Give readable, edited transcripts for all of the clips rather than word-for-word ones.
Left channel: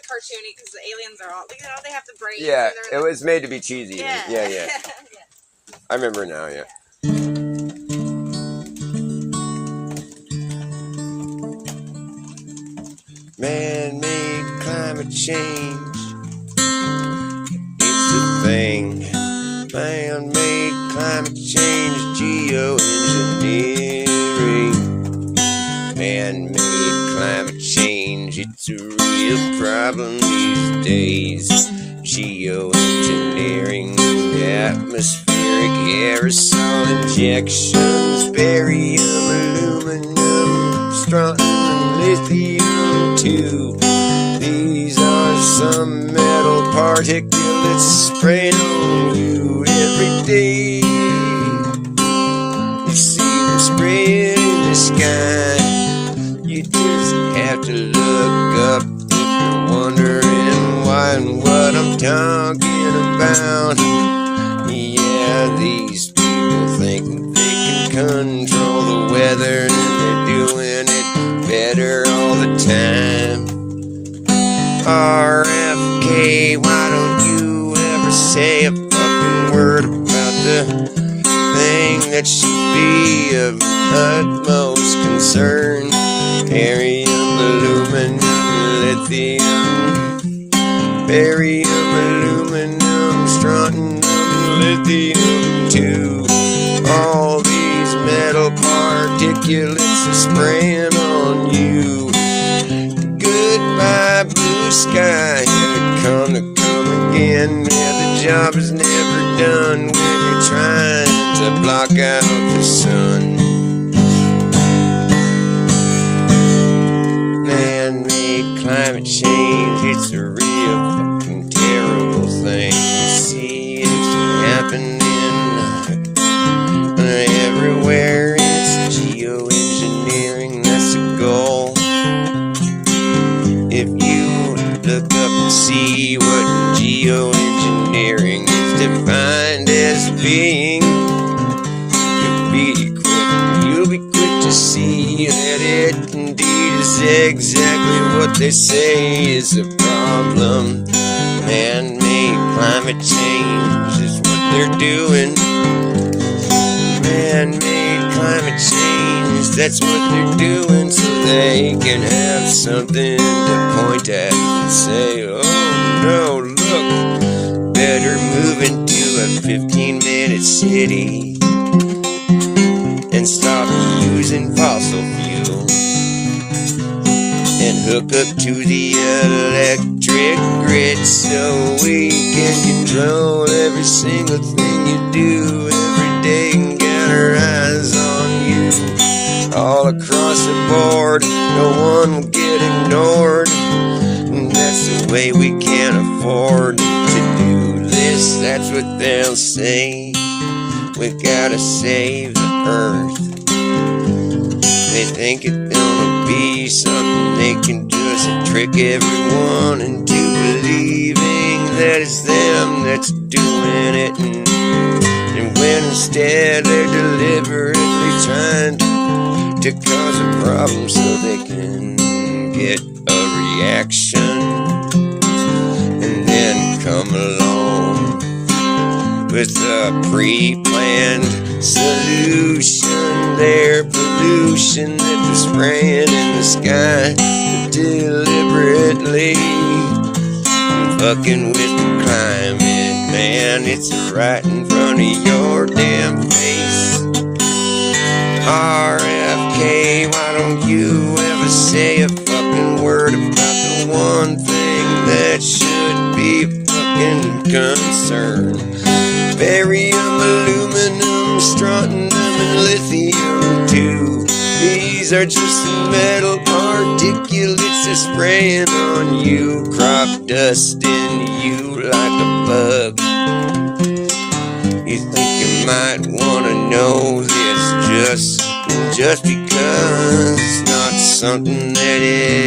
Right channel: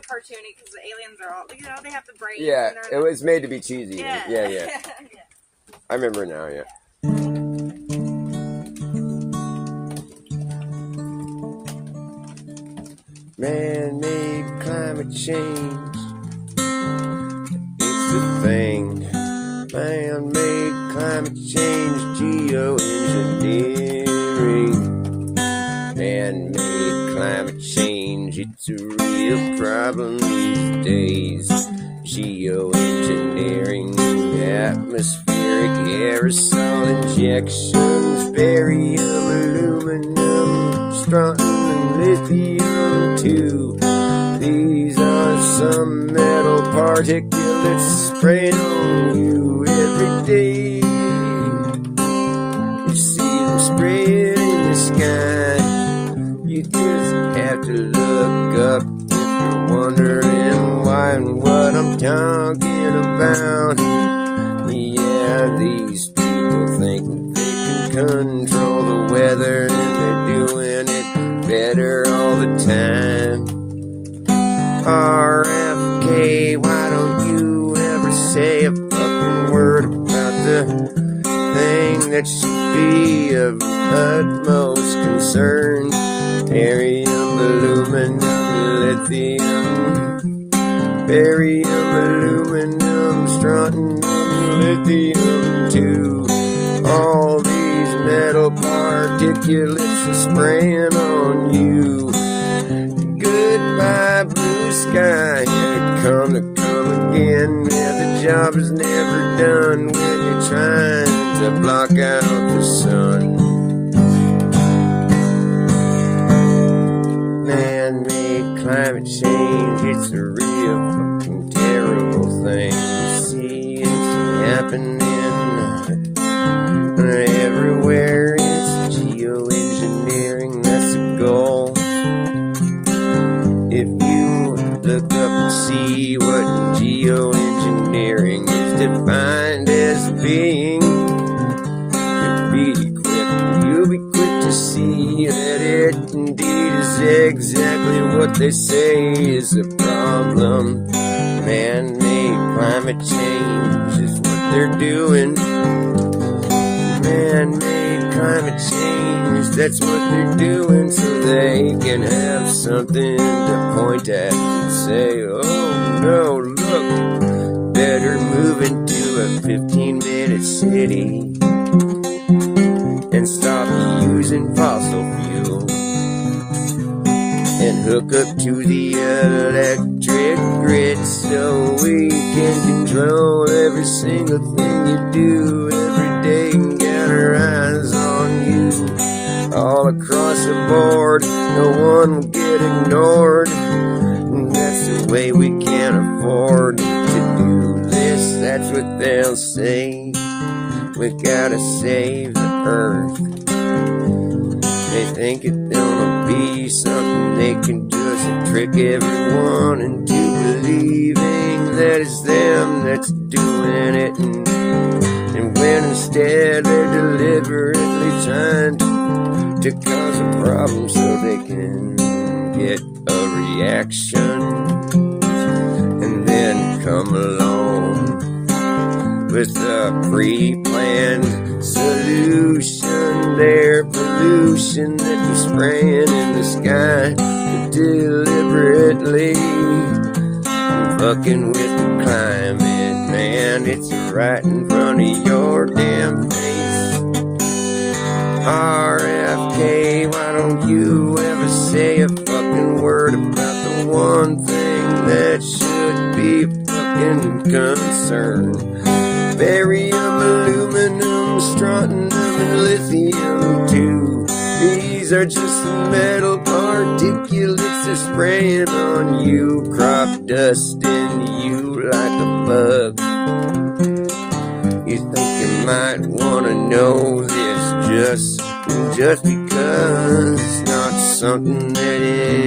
of cartoony because the aliens are all, look at how they have the brains. Yeah, it was made to be cheesy. Yeah. Yeah. I remember now, yeah. Man-made climate change, it's a thing. Man-made climate change is geoengineering. Man-made climate change, it's a real problem these days. Geoengineering, atmospheric aerosol injections, barium, aluminum, strontium, lithium too. These are some metal particulates spraying on you every day. You see them spraying in the sky. You just have to look up if you're wondering why and what I'm talking about. Yeah, these people think they can control the weather and they're doing it better all the time. RFK, why don't you ever say a fucking word about the thing that should be of utmost concern? Barium, aluminum, lithium. Barium, aluminum, strontium, lithium too. All these metal particulates are spraying on you. Goodbye, blue sky. Here it come again. Yeah, the job is never done when you're trying to block out the sun. Man-made climate change, it's a real fucking terrible thing. You see, it's happening everywhere. It's geoengineering, that's the goal. If you look up and see what geoengineering is defined as being, you'll be quick to see that it indeed is exactly what they say is a problem. Man-made climate change is what they're doing. Man-made climate change, that's what they're doing, so they can have something to point at and say, oh no, look, better move into a 15-minute city and stop using fossil fuel and hook up to the electric grid so we can control every single thing you do every day and get our eyes on you all across the board. No one will get ignored. That's the way we can't afford to do this. That's what they'll say. We gotta save the earth. They think it's gonna be something they can just trick everyone into believing that it's them that's doing it, and when instead they're deliberately trying to cause a problem so they can get a reaction and then come along with a pre-planned solution. Their pollution that they're spraying in the sky deliberately fucking with the climate, man. It's right in front of your damn face. RFK, why don't you ever say a fucking word about the one thing that should be fucking concerned? Barium, aluminum, strontium, and lithium too. These are just the metal particulates that's spraying on you, crop dusting you like a bug. You think you might want to know this just because it's not something that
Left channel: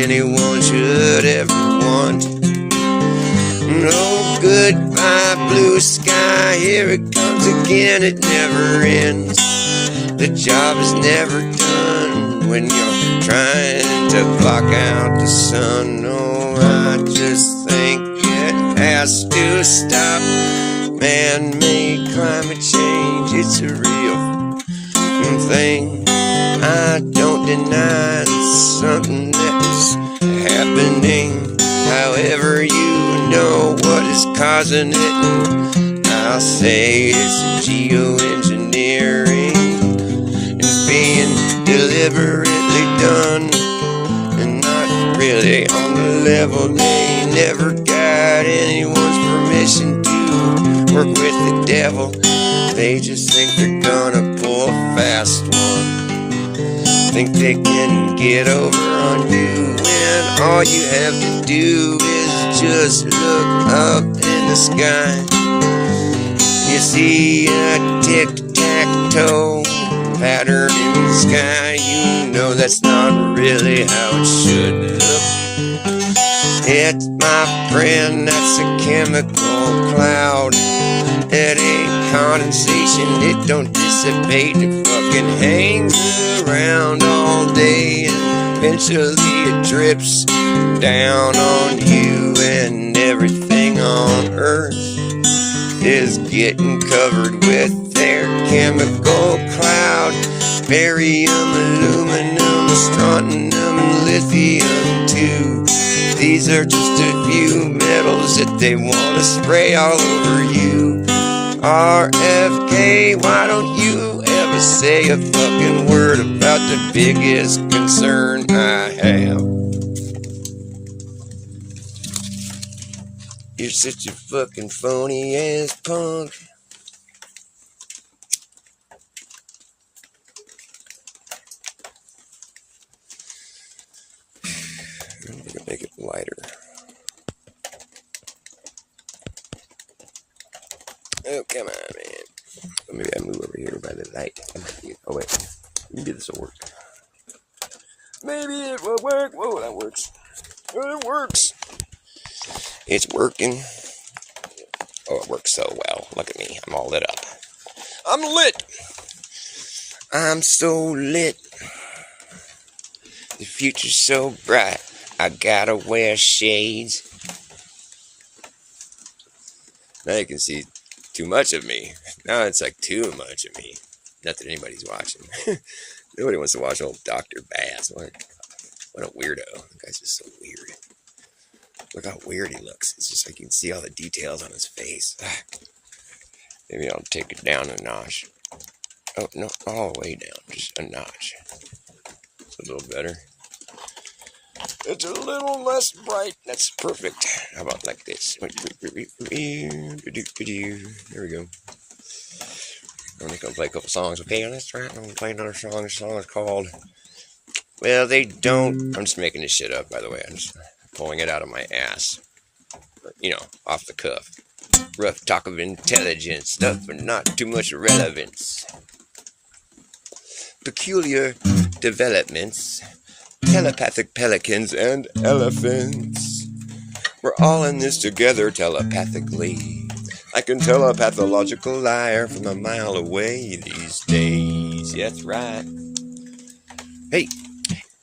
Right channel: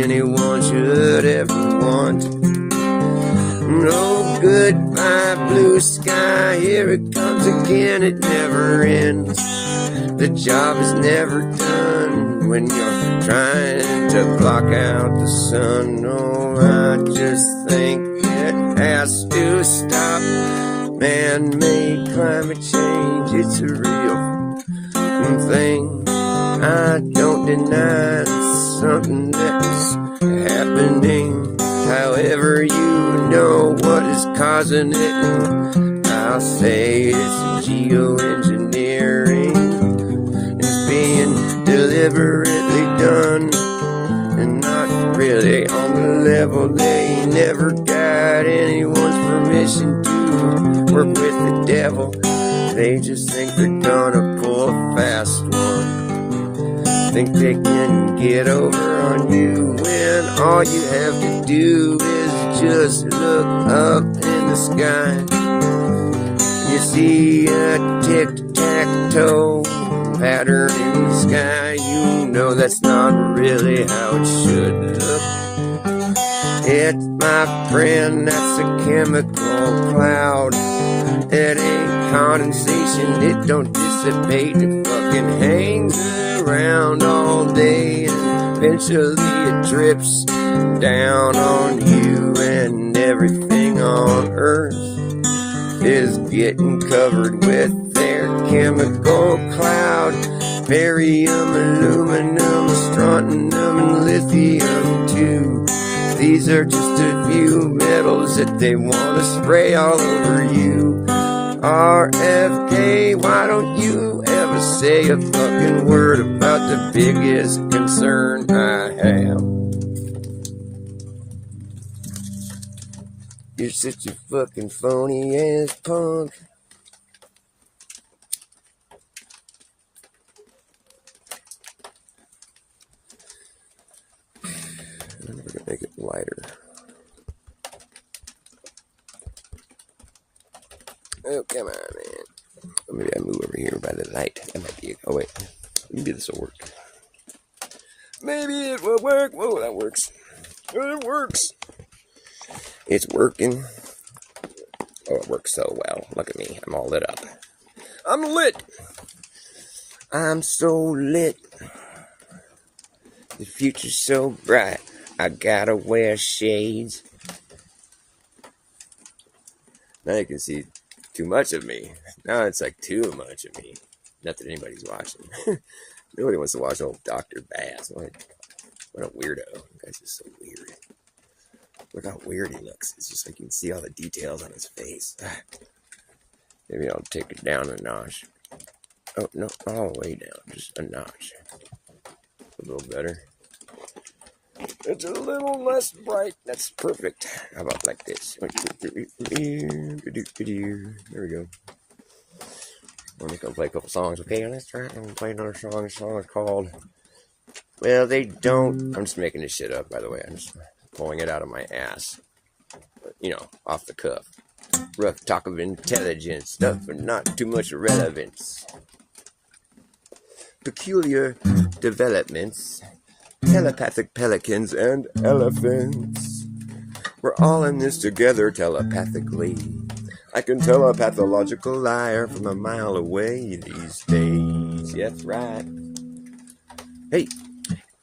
anyone should ever want. No, goodbye, blue sky. Here it comes again, it never ends. The job is never done when you're trying to block out the sun. Oh, I just causing it. I'll say it's geoengineering. It's being deliberately done, and not really on the level. They never got anyone's permission to work with the devil. They just think they're gonna pull a fast one. Think they can get over on you when all you have to do is just look up in the sky. You see a tic-tac-toe pattern in the sky. You know that's not really how it should look. It's, my friend, that's a chemical cloud. It ain't condensation, it don't dissipate. It fucking hangs around all day, and eventually it drips down on you, and everything on Earth is getting covered with their chemical cloud. Barium, aluminum, strontium, and lithium too. These are just a few metals that they want to spray all over you. RFK, why don't you ever say a fucking word about the biggest concern I have? You're such a fucking phony ass punk. I'm gonna make it lighter. Oh, come on, man. Maybe I move over here by the light. That might be. Oh, wait. Maybe this will work. Maybe it will work. Whoa, that works. It works. It's working. Oh, it works so well. Look at me. I'm all lit up. I'm lit. I'm so lit. The future's so bright. I gotta wear shades. Now you can see too much of me. Now it's like too much of me. Not that anybody's watching. Nobody wants to watch old Dr. Bass. What a weirdo. That guy's just so weird. Look how weird he looks. It's just like you can see all the details on his face. Maybe I'll take it down a notch. Oh, no, all the way down. Just a notch. It's a little better. It's a little less bright. That's perfect. How about like this? Here we go. I'm just gonna play a couple songs. Okay, let's try it. I'm gonna play another song. This song is called Well, They Don't. I'm just making this shit up, by the way. I'm just pulling it out of my ass. You know, off the cuff. Rough talk of intelligence, stuff but not too much relevance. Peculiar developments. Telepathic pelicans and elephants. We're all in this together telepathically. I can tell a pathological liar from a mile away these days. Yeah, that's right. Hey,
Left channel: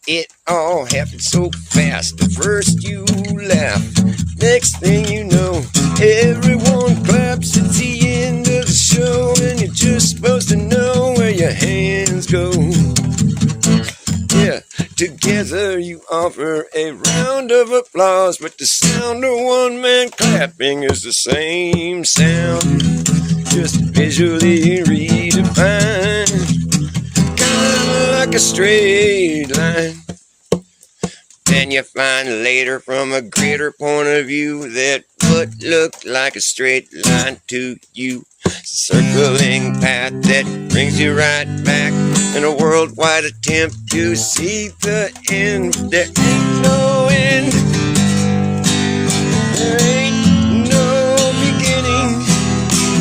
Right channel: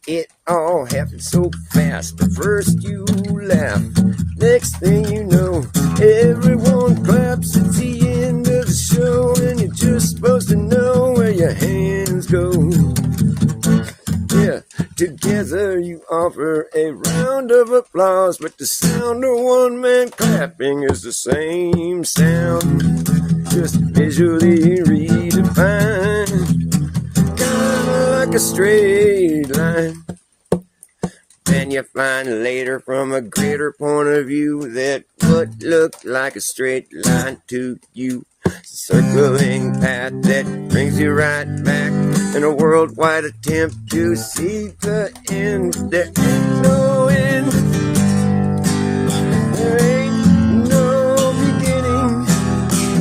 it all happened so fast. The first you laugh, next thing you know, everyone claps. It's the end of the show, and you're just supposed to know where your hands go. Yeah, together you offer a round of applause, but the sound of one man clapping is the same sound, just visually redefined, kinda like a straight line. Then you find later from a greater point of view that what looked like a straight line to you is a circling path that brings you right back in a worldwide attempt to see the end. There ain't no end. There ain't no beginning,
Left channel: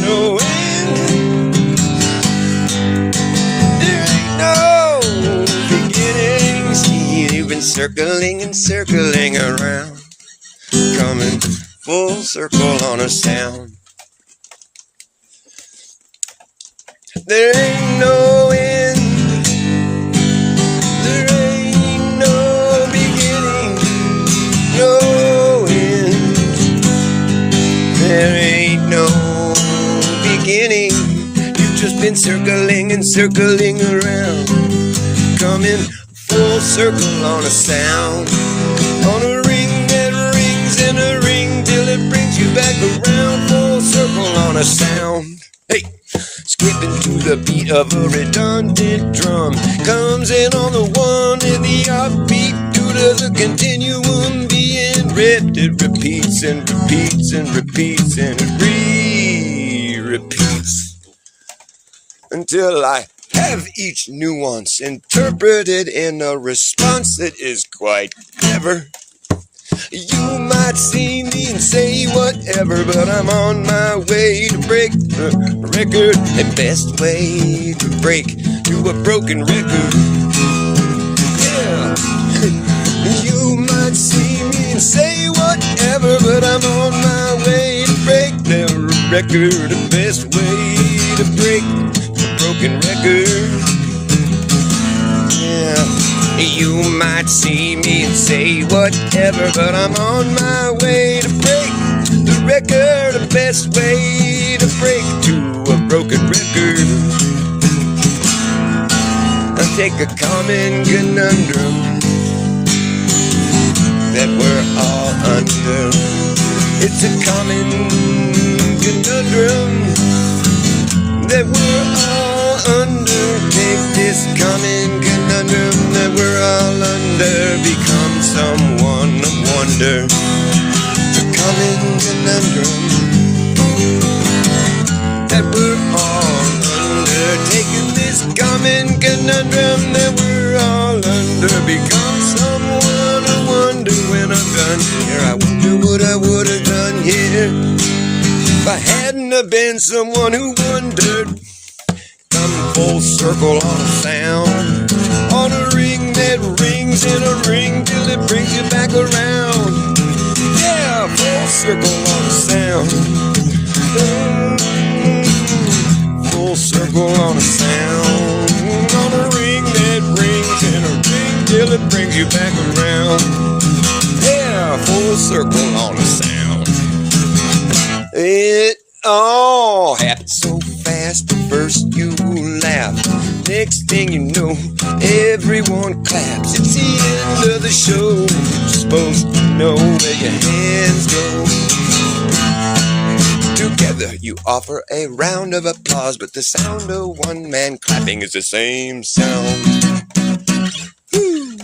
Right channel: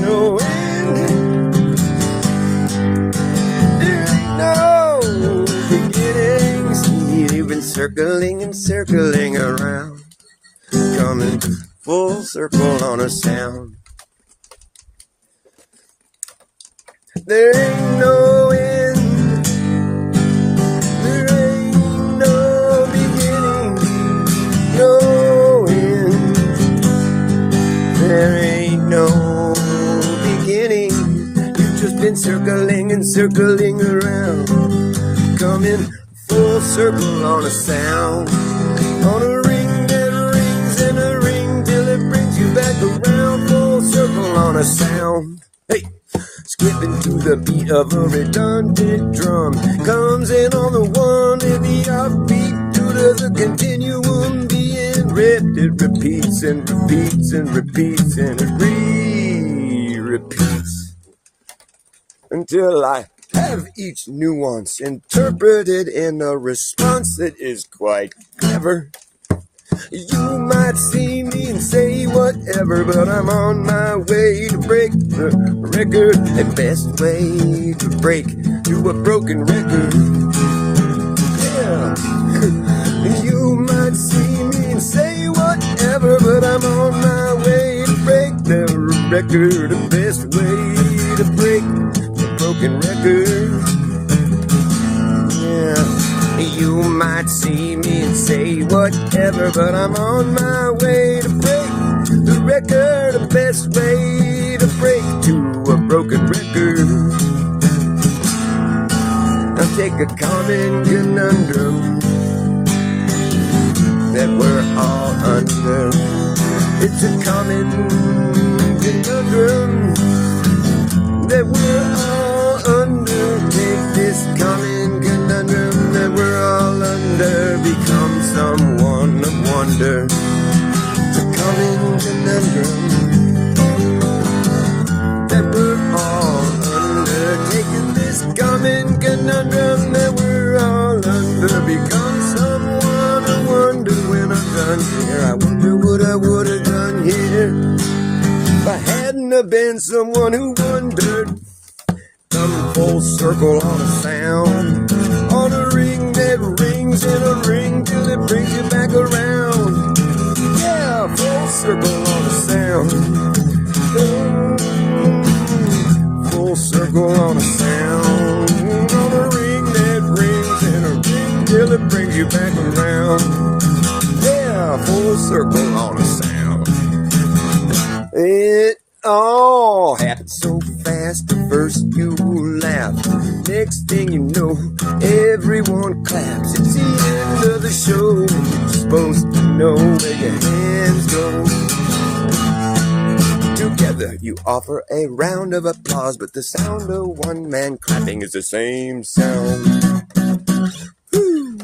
no end. There ain't no beginning. See, you've been circling and circling around, coming full circle on a sound. There ain't no end. There ain't no beginning, no end. There ain't no beginning. You've just been circling and circling around, coming full circle on a sound, on a ring that rings in a ring till it brings you back around. beat of a redundant drum comes in on the one and the upbeat due to the continuum being ripped. It repeats and repeats and repeats and repeats until I have each nuance interpreted in a response that is quite clever. You might see me and say whatever, but I'm on my way to break the record. The best way to break to a broken record. Yeah. You might see me and say whatever, but I'm on my way to break the record. The best way to break the broken record. Yeah. You might see me and say whatever, but I'm on my way to break the record. The best way to break to a broken record. I take a common conundrum that we're all under. It's a common conundrum that we're all under. Take this common conundrum that we're all under. Become someone of wonder. The common conundrum that we're all under. Take this common conundrum that we're all under. Become someone of wonder. When I'm done here, I wonder what I would have done here if I hadn't have been someone who wondered. Come full circle on sound, on a ring that rings in a ring till it brings you back around. Yeah, full circle on a sound. Full circle on a sound, on a ring that rings in a ring till it brings you back around. Yeah, full circle on a sound. It all happened so fast. First you laugh, next thing you know, everyone claps. It's the end of the show. You're supposed to know where your hands go. Together you offer a round of applause, but the sound of one man clapping is the same sound. Woo.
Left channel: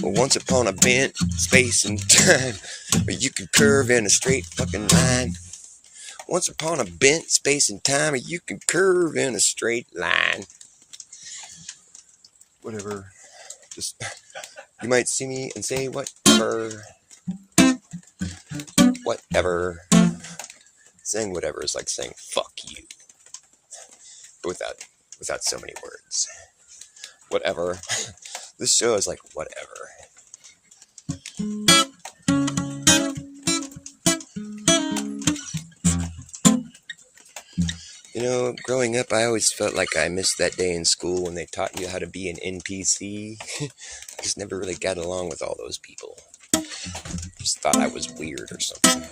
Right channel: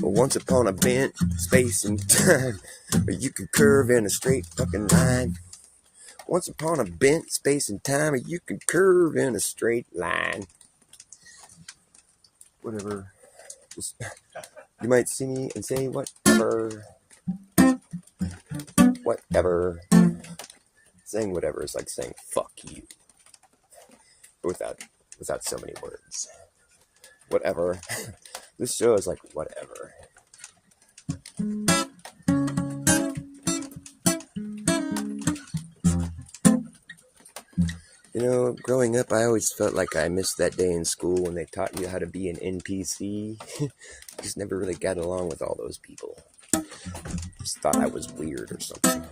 Once upon a bent space and time where you could curve in a straight fucking line. Once upon a bent space and time where you could curve in a straight line. Whatever. Just, you might see me and say whatever. Whatever. Saying whatever is like saying fuck you. But without so many words. Whatever. This show is like whatever. You know, growing up, I always felt like I missed that day in school when they taught you how to be an NPC. I just never really got along with all those people. Just thought I was weird or something.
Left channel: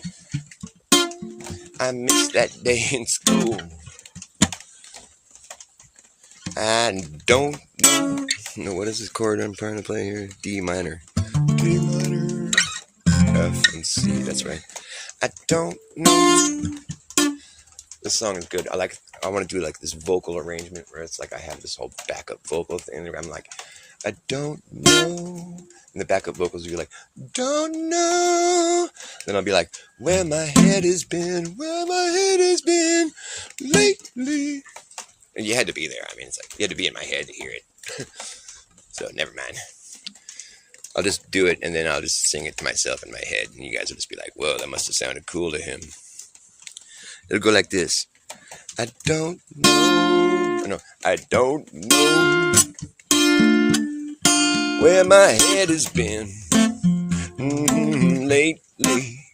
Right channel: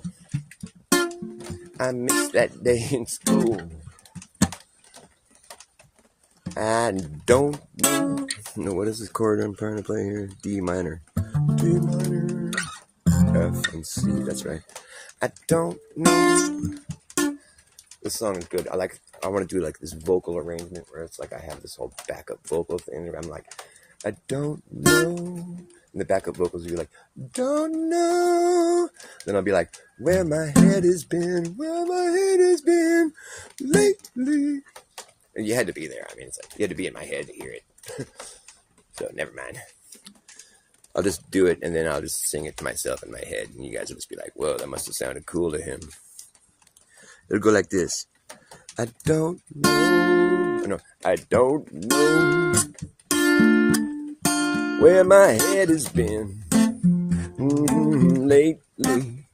I missed that day in school. I don't know. What is this chord I'm trying to play here? D minor. D minor. F and C, that's right. I don't know. This song is good. I want to do like this vocal arrangement where it's like I have this whole backup vocal thing. I'm like, I don't know. And the backup vocals will be like, don't know. Then I'll be like, where my head has been lately. And you had to be there. I mean, it's like you had to be in my head to hear it. So never mind. I'll just do it and then I'll just sing it to myself in my head. And you guys will just be like, whoa, that must have sounded cool to him. It'll go like this. I don't know. No, I don't know where my head has been lately.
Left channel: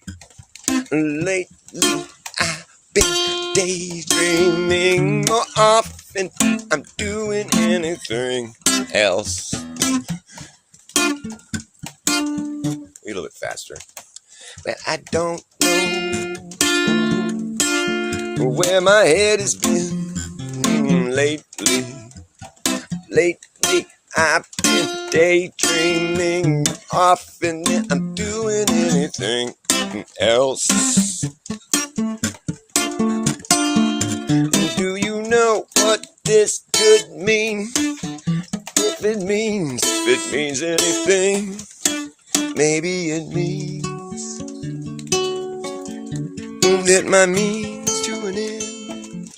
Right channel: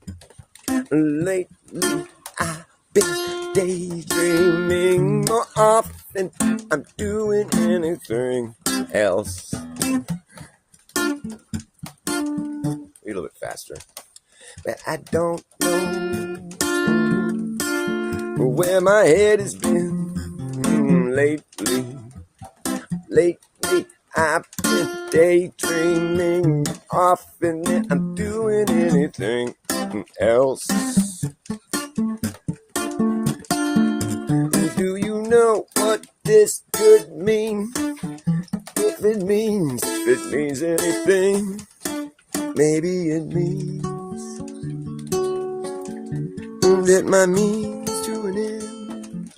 Lately, I've been daydreaming more often. I'm doing anything else. A little bit faster. But I don't know where my head has been lately. Lately, I've been daydreaming often. I'm doing anything else. mean? If it means anything, maybe it means that my means to an end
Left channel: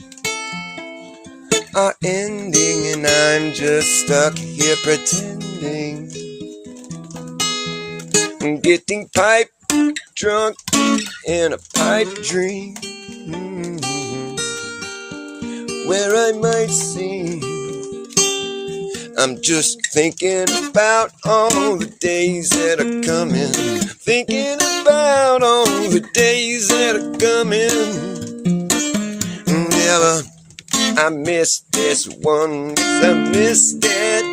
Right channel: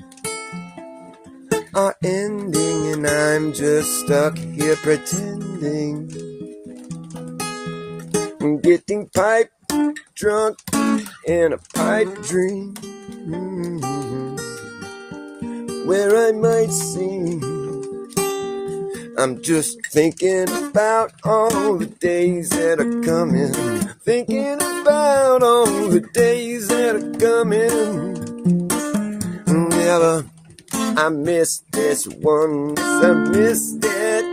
are ending, and I'm just stuck here pretending, getting pipe drunk in a pipe dream, where I might sing. I'm just thinking about all the days that are coming, thinking about all the days that are coming. Yeah, I missed this one, I missed it.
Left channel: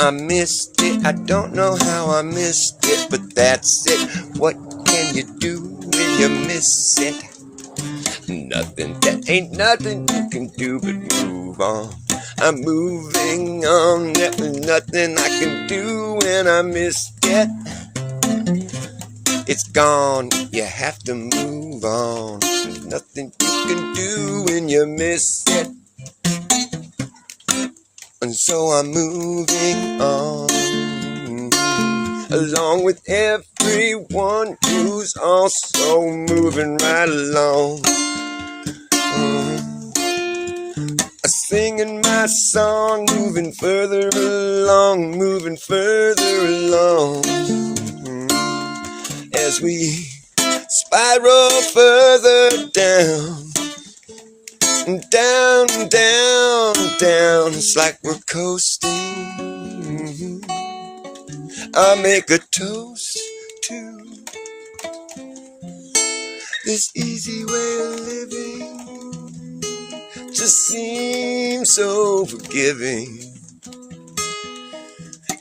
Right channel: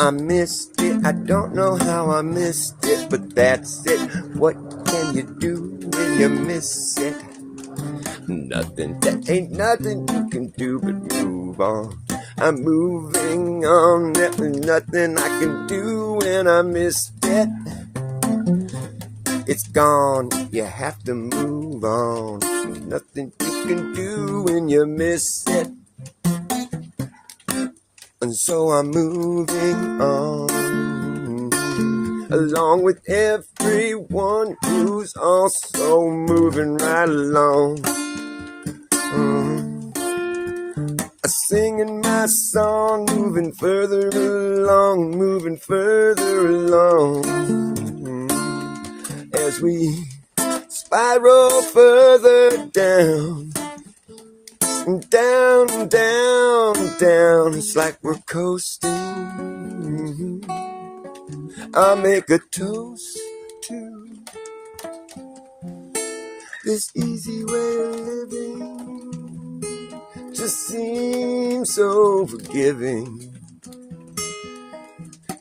I missed it, I don't know how I missed it, but that's it. What can you do when you miss it? Nothing, there ain't nothing you can do but move on. I'm moving on, there's nothing I can do when I missed it. It's gone, you have to move on. There's nothing you can do when you miss it. And so I'm moving on, along with everyone who's also moving right along. Singing my song, moving further along, moving further along, as we spiral further down, down, down, down. It's like we're coasting. I'll make a toast to this easy way of living. Just seems so forgiving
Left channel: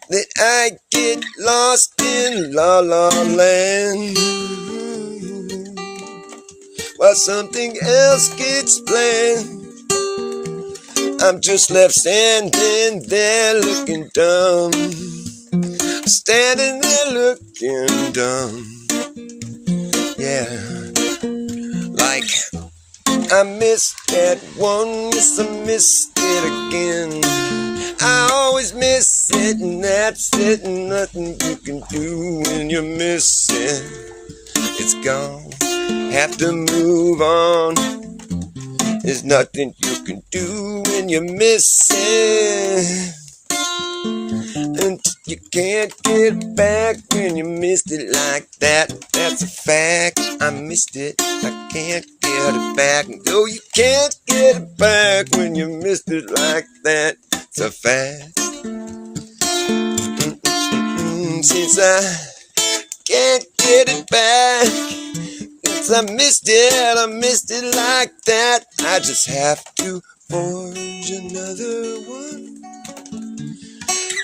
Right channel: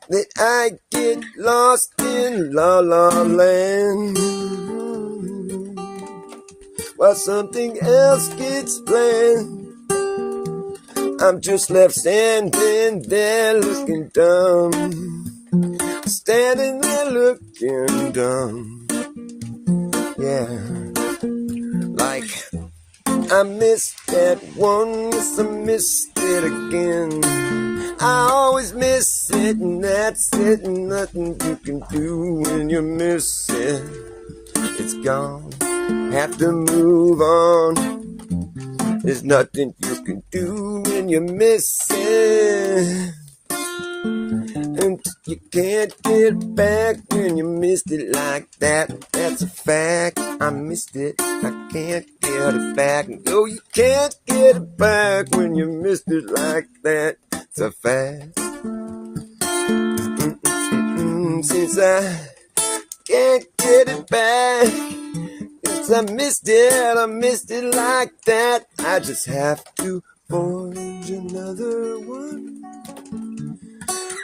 that I get lost in La La Land, while something else gets planned. I'm just left standing there looking dumb, standing there looking dumb. Yeah, like I missed that one, yes, I missed it again. I always miss it, and that's it, and nothing you can do when you miss it. It's gone, have to move on. There's nothing you can do when you miss it, and you can't get it back when you missed it like that. That's a fact, I missed it, I can't get it back. No, you can't get it back when you missed it like that. It's a fact. Since I can't get it back, since I missed it like that, I just have to forge another one.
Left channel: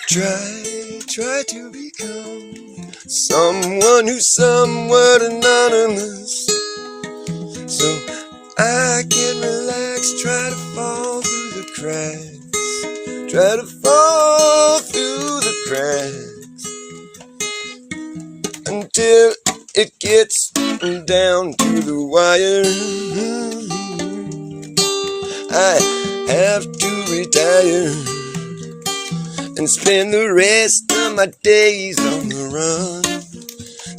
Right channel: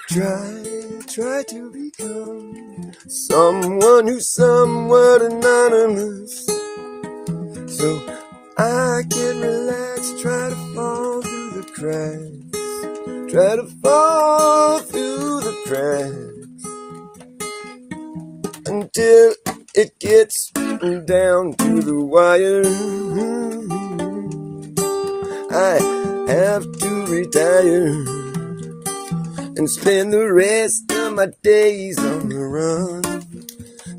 Try to become someone who's somewhat anonymous, so I can relax, try to fall through the cracks, try to fall through the cracks, until it gets down to the wire. I have to retire and spend the rest of my days on the run.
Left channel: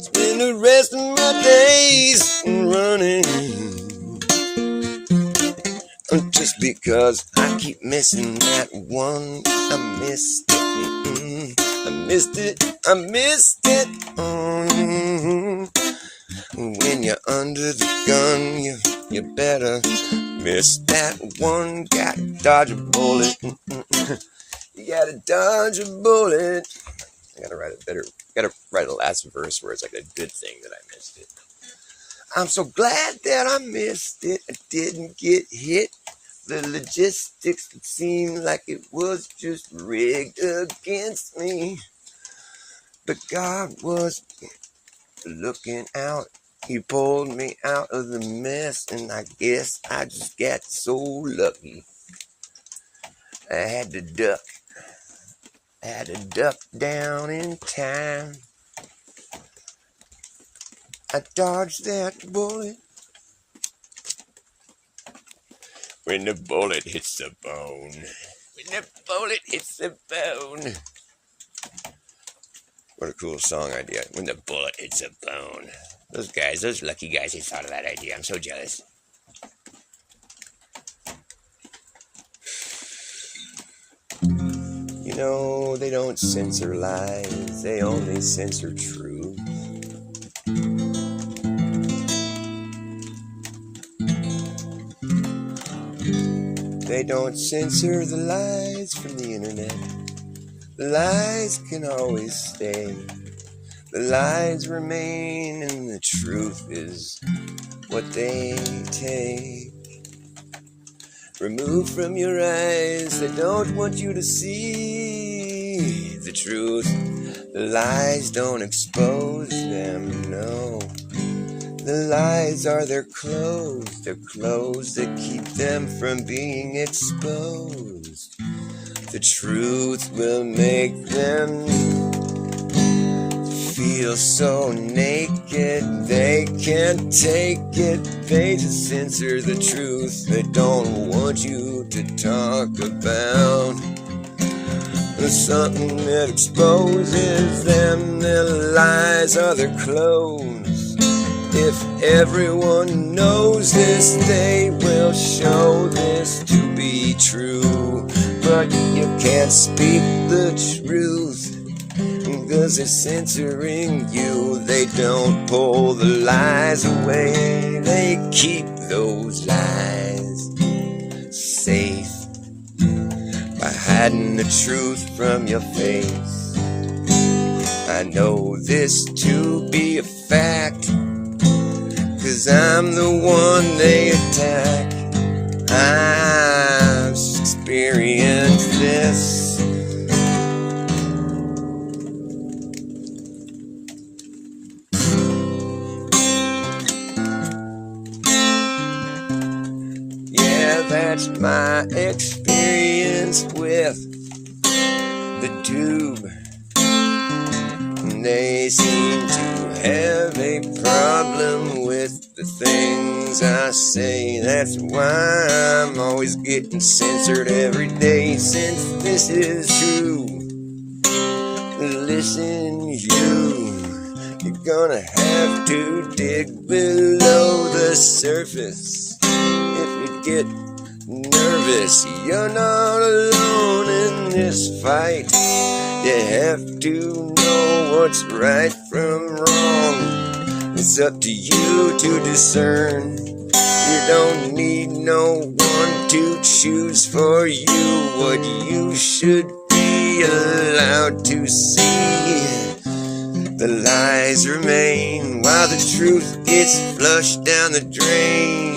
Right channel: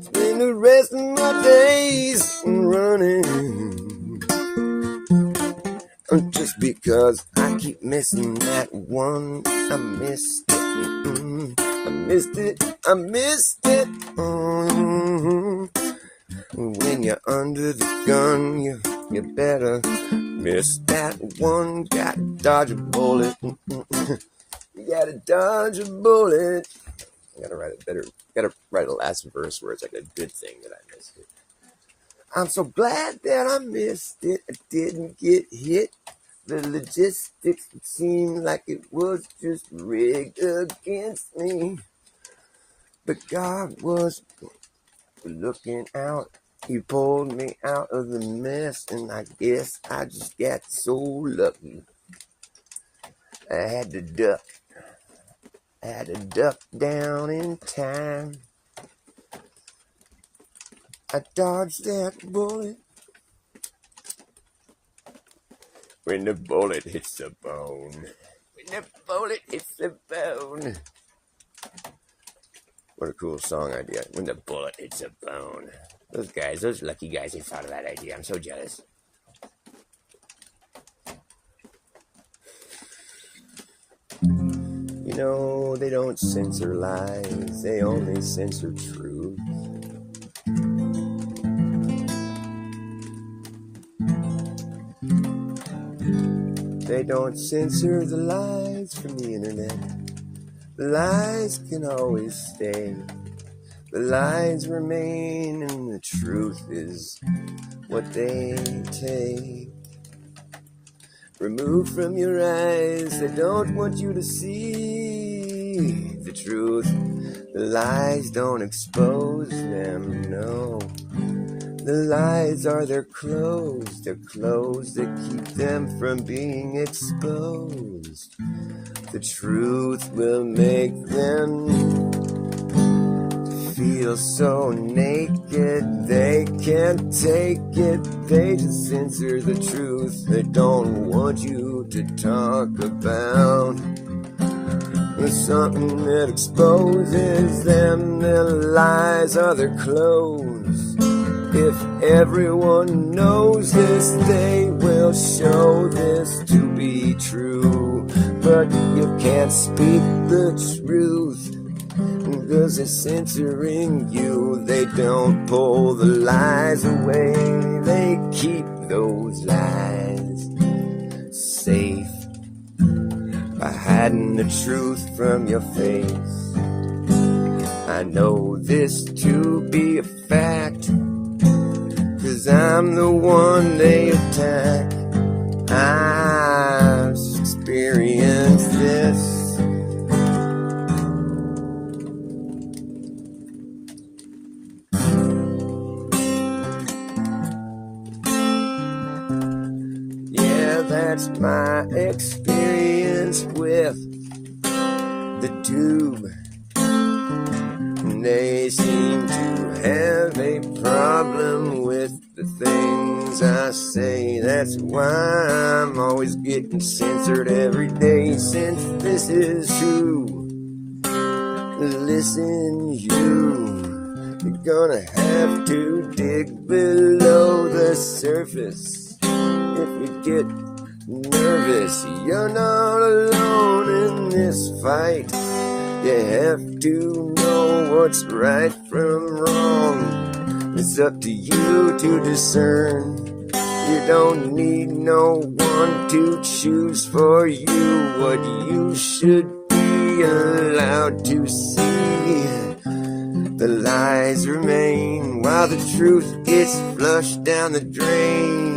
Spend the rest of my days running. Just because I keep missing that one. I missed it. I missed it. I missed it. When you're under the gun, you better miss that one. Gotta dodge a bullet. You gotta dodge a bullet. I gotta write it better. Gotta write a last verse where it's like a good thing that I missed it. I'm so glad that I missed it. I didn't get hit. The logistics, it seemed like it was just rigged against me. But God was looking out. He pulled me out of the mess, and I guess I just got so lucky. I had to duck. I had to duck down in time. I dodged that bullet. When the bullet hits the bone. When the bullet hits the bone. What a cool song idea. When the bullet hits the bone. Those guys, those lucky guys, they thought of that idea. I'm so jealous. You know, they don't censor lies. They only censor truth. They don't censor the lies from the internet. The lies can always stay. The lies remain and the truth is what they take. Remove from your eyes, they don't want you to see the truth. The lies don't expose them, no. The lies are their clothes that keep them from being exposed. The truth will make them feel so naked, they can't take it. They just censor the truth, they don't want you to talk about. There's something that exposes them, their lies are their clothes. If everyone knows this, they will show this to be true. But you can't speak the truth, cause they're censoring you. They don't pull the lies away, they keep those lies safe by hiding the truth from your face. I know this to be a fact, cause I'm the one they attack. I've experienced this. That's my experience with the tube. They seem to have a problem with the things I say. That's why I'm always getting censored every day. Since this is true, listen you're gonna have to dig below the surface. If you get nervous, you're not alone in this fight. You have to know what's right from wrong. It's up to you to discern. You don't need no one to choose for you what you should be allowed to see. The lies remain while the truth gets flushed down the drain.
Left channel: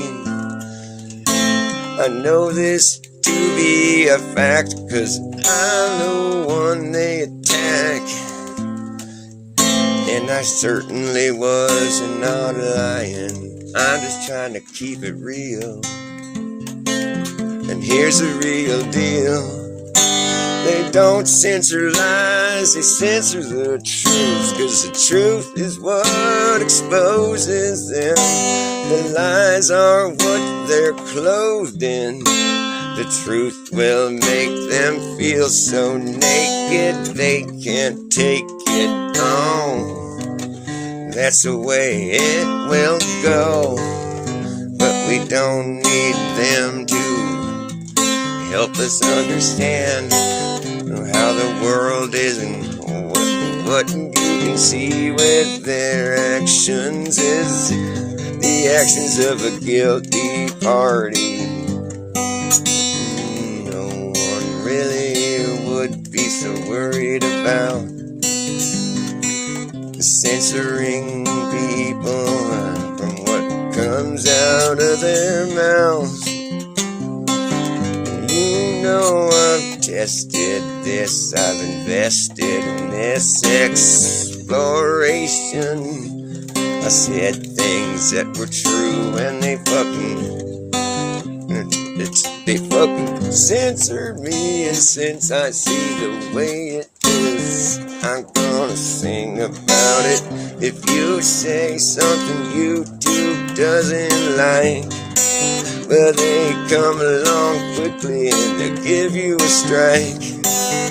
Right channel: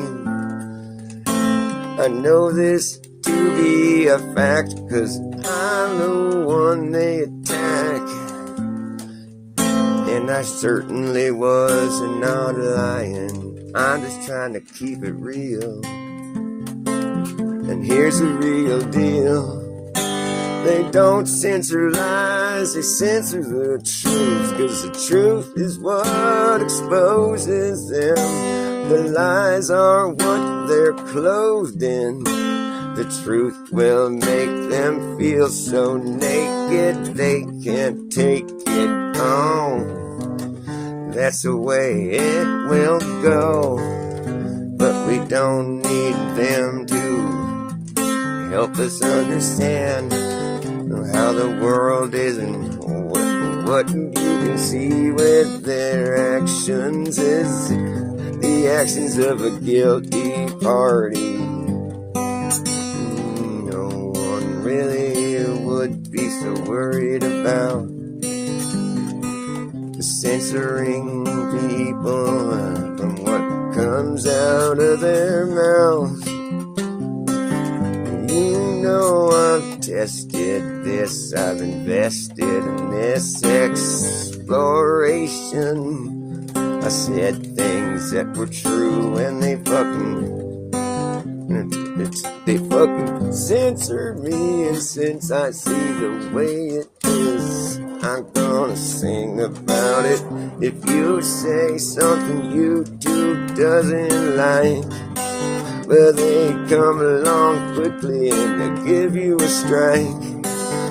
I know this to be a fact, cause I'm the one they attack. And I certainly was not lying. I'm just trying to keep it real. And here's the real deal. They don't censor lies, they censor the truth. Cause the truth is what exposes them. The lies are what they're clothed in. The truth will make them feel so naked they can't take it on. That's the way it will go. But we don't need them to help us understand how the world is and what you can see with their actions is the actions of a guilty party. No one really would be so worried about censoring people from what comes out of their mouths. You know I've tested this, I've invested in this exploration. I said things that were true and they fucking censored me. And since I see the way it is, I'm gonna sing about it. If you say something YouTube doesn't like, well, Well, they come along quickly and they give you a strike.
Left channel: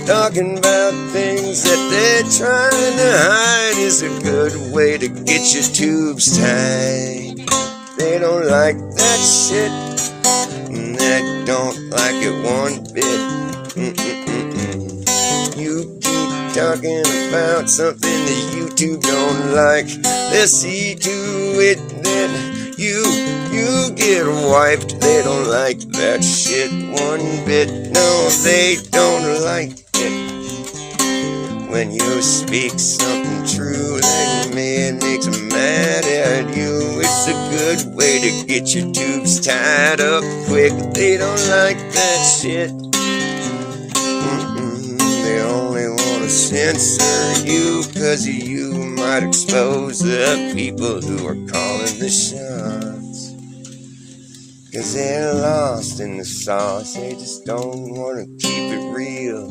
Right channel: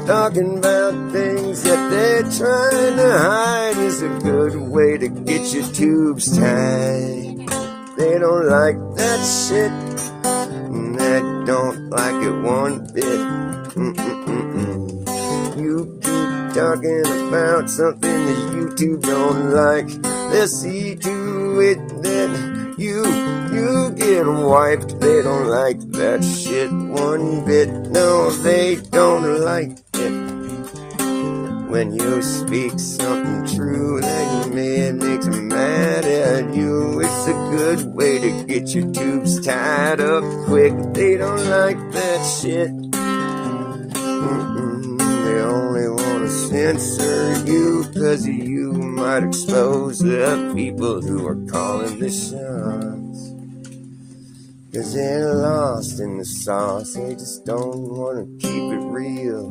Talking about things that they're trying to hide is a good way to get your tubes tied. They don't like that shit, and they don't like it one bit. You keep talking about something that YouTube don't like, they'll see to it that you get wiped. They don't like that shit one bit. No, they don't like it when you speak something true like me. It makes them mad at you. It's a good way to get your tubes tied up quick. They don't like that shit. They only want to censor you, 'cause you might expose the people who are calling the shots. 'Cause they're lost in the sauce. They just don't want to keep it real.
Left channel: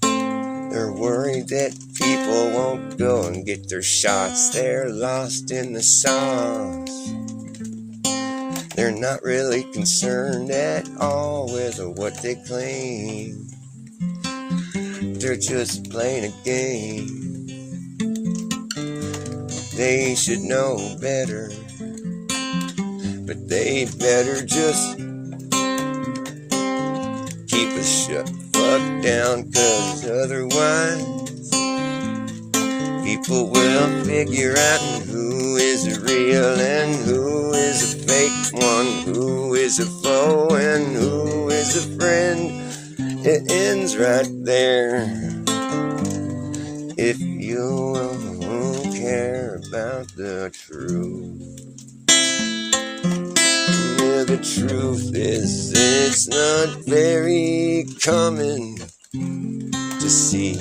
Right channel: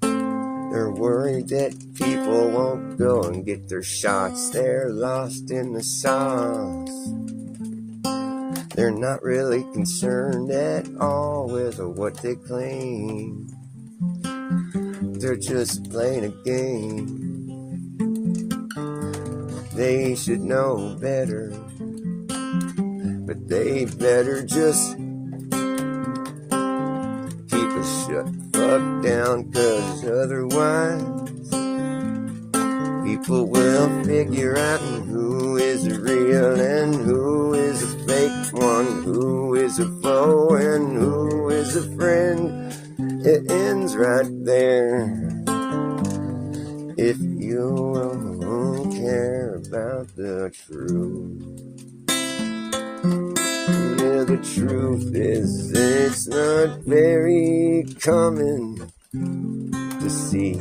They're worried that people won't go and get their shots. They're lost in the sauce. They're not really concerned at all with what they claim. They're just playing a game. They should know better, but they better just keep it shut fuck down, 'cause otherwise people will figure out who is real and who is a fake one, who is a foe and who is a friend. It ends right there. If you won't care about the truth. Yeah, the truth is it's not very common to see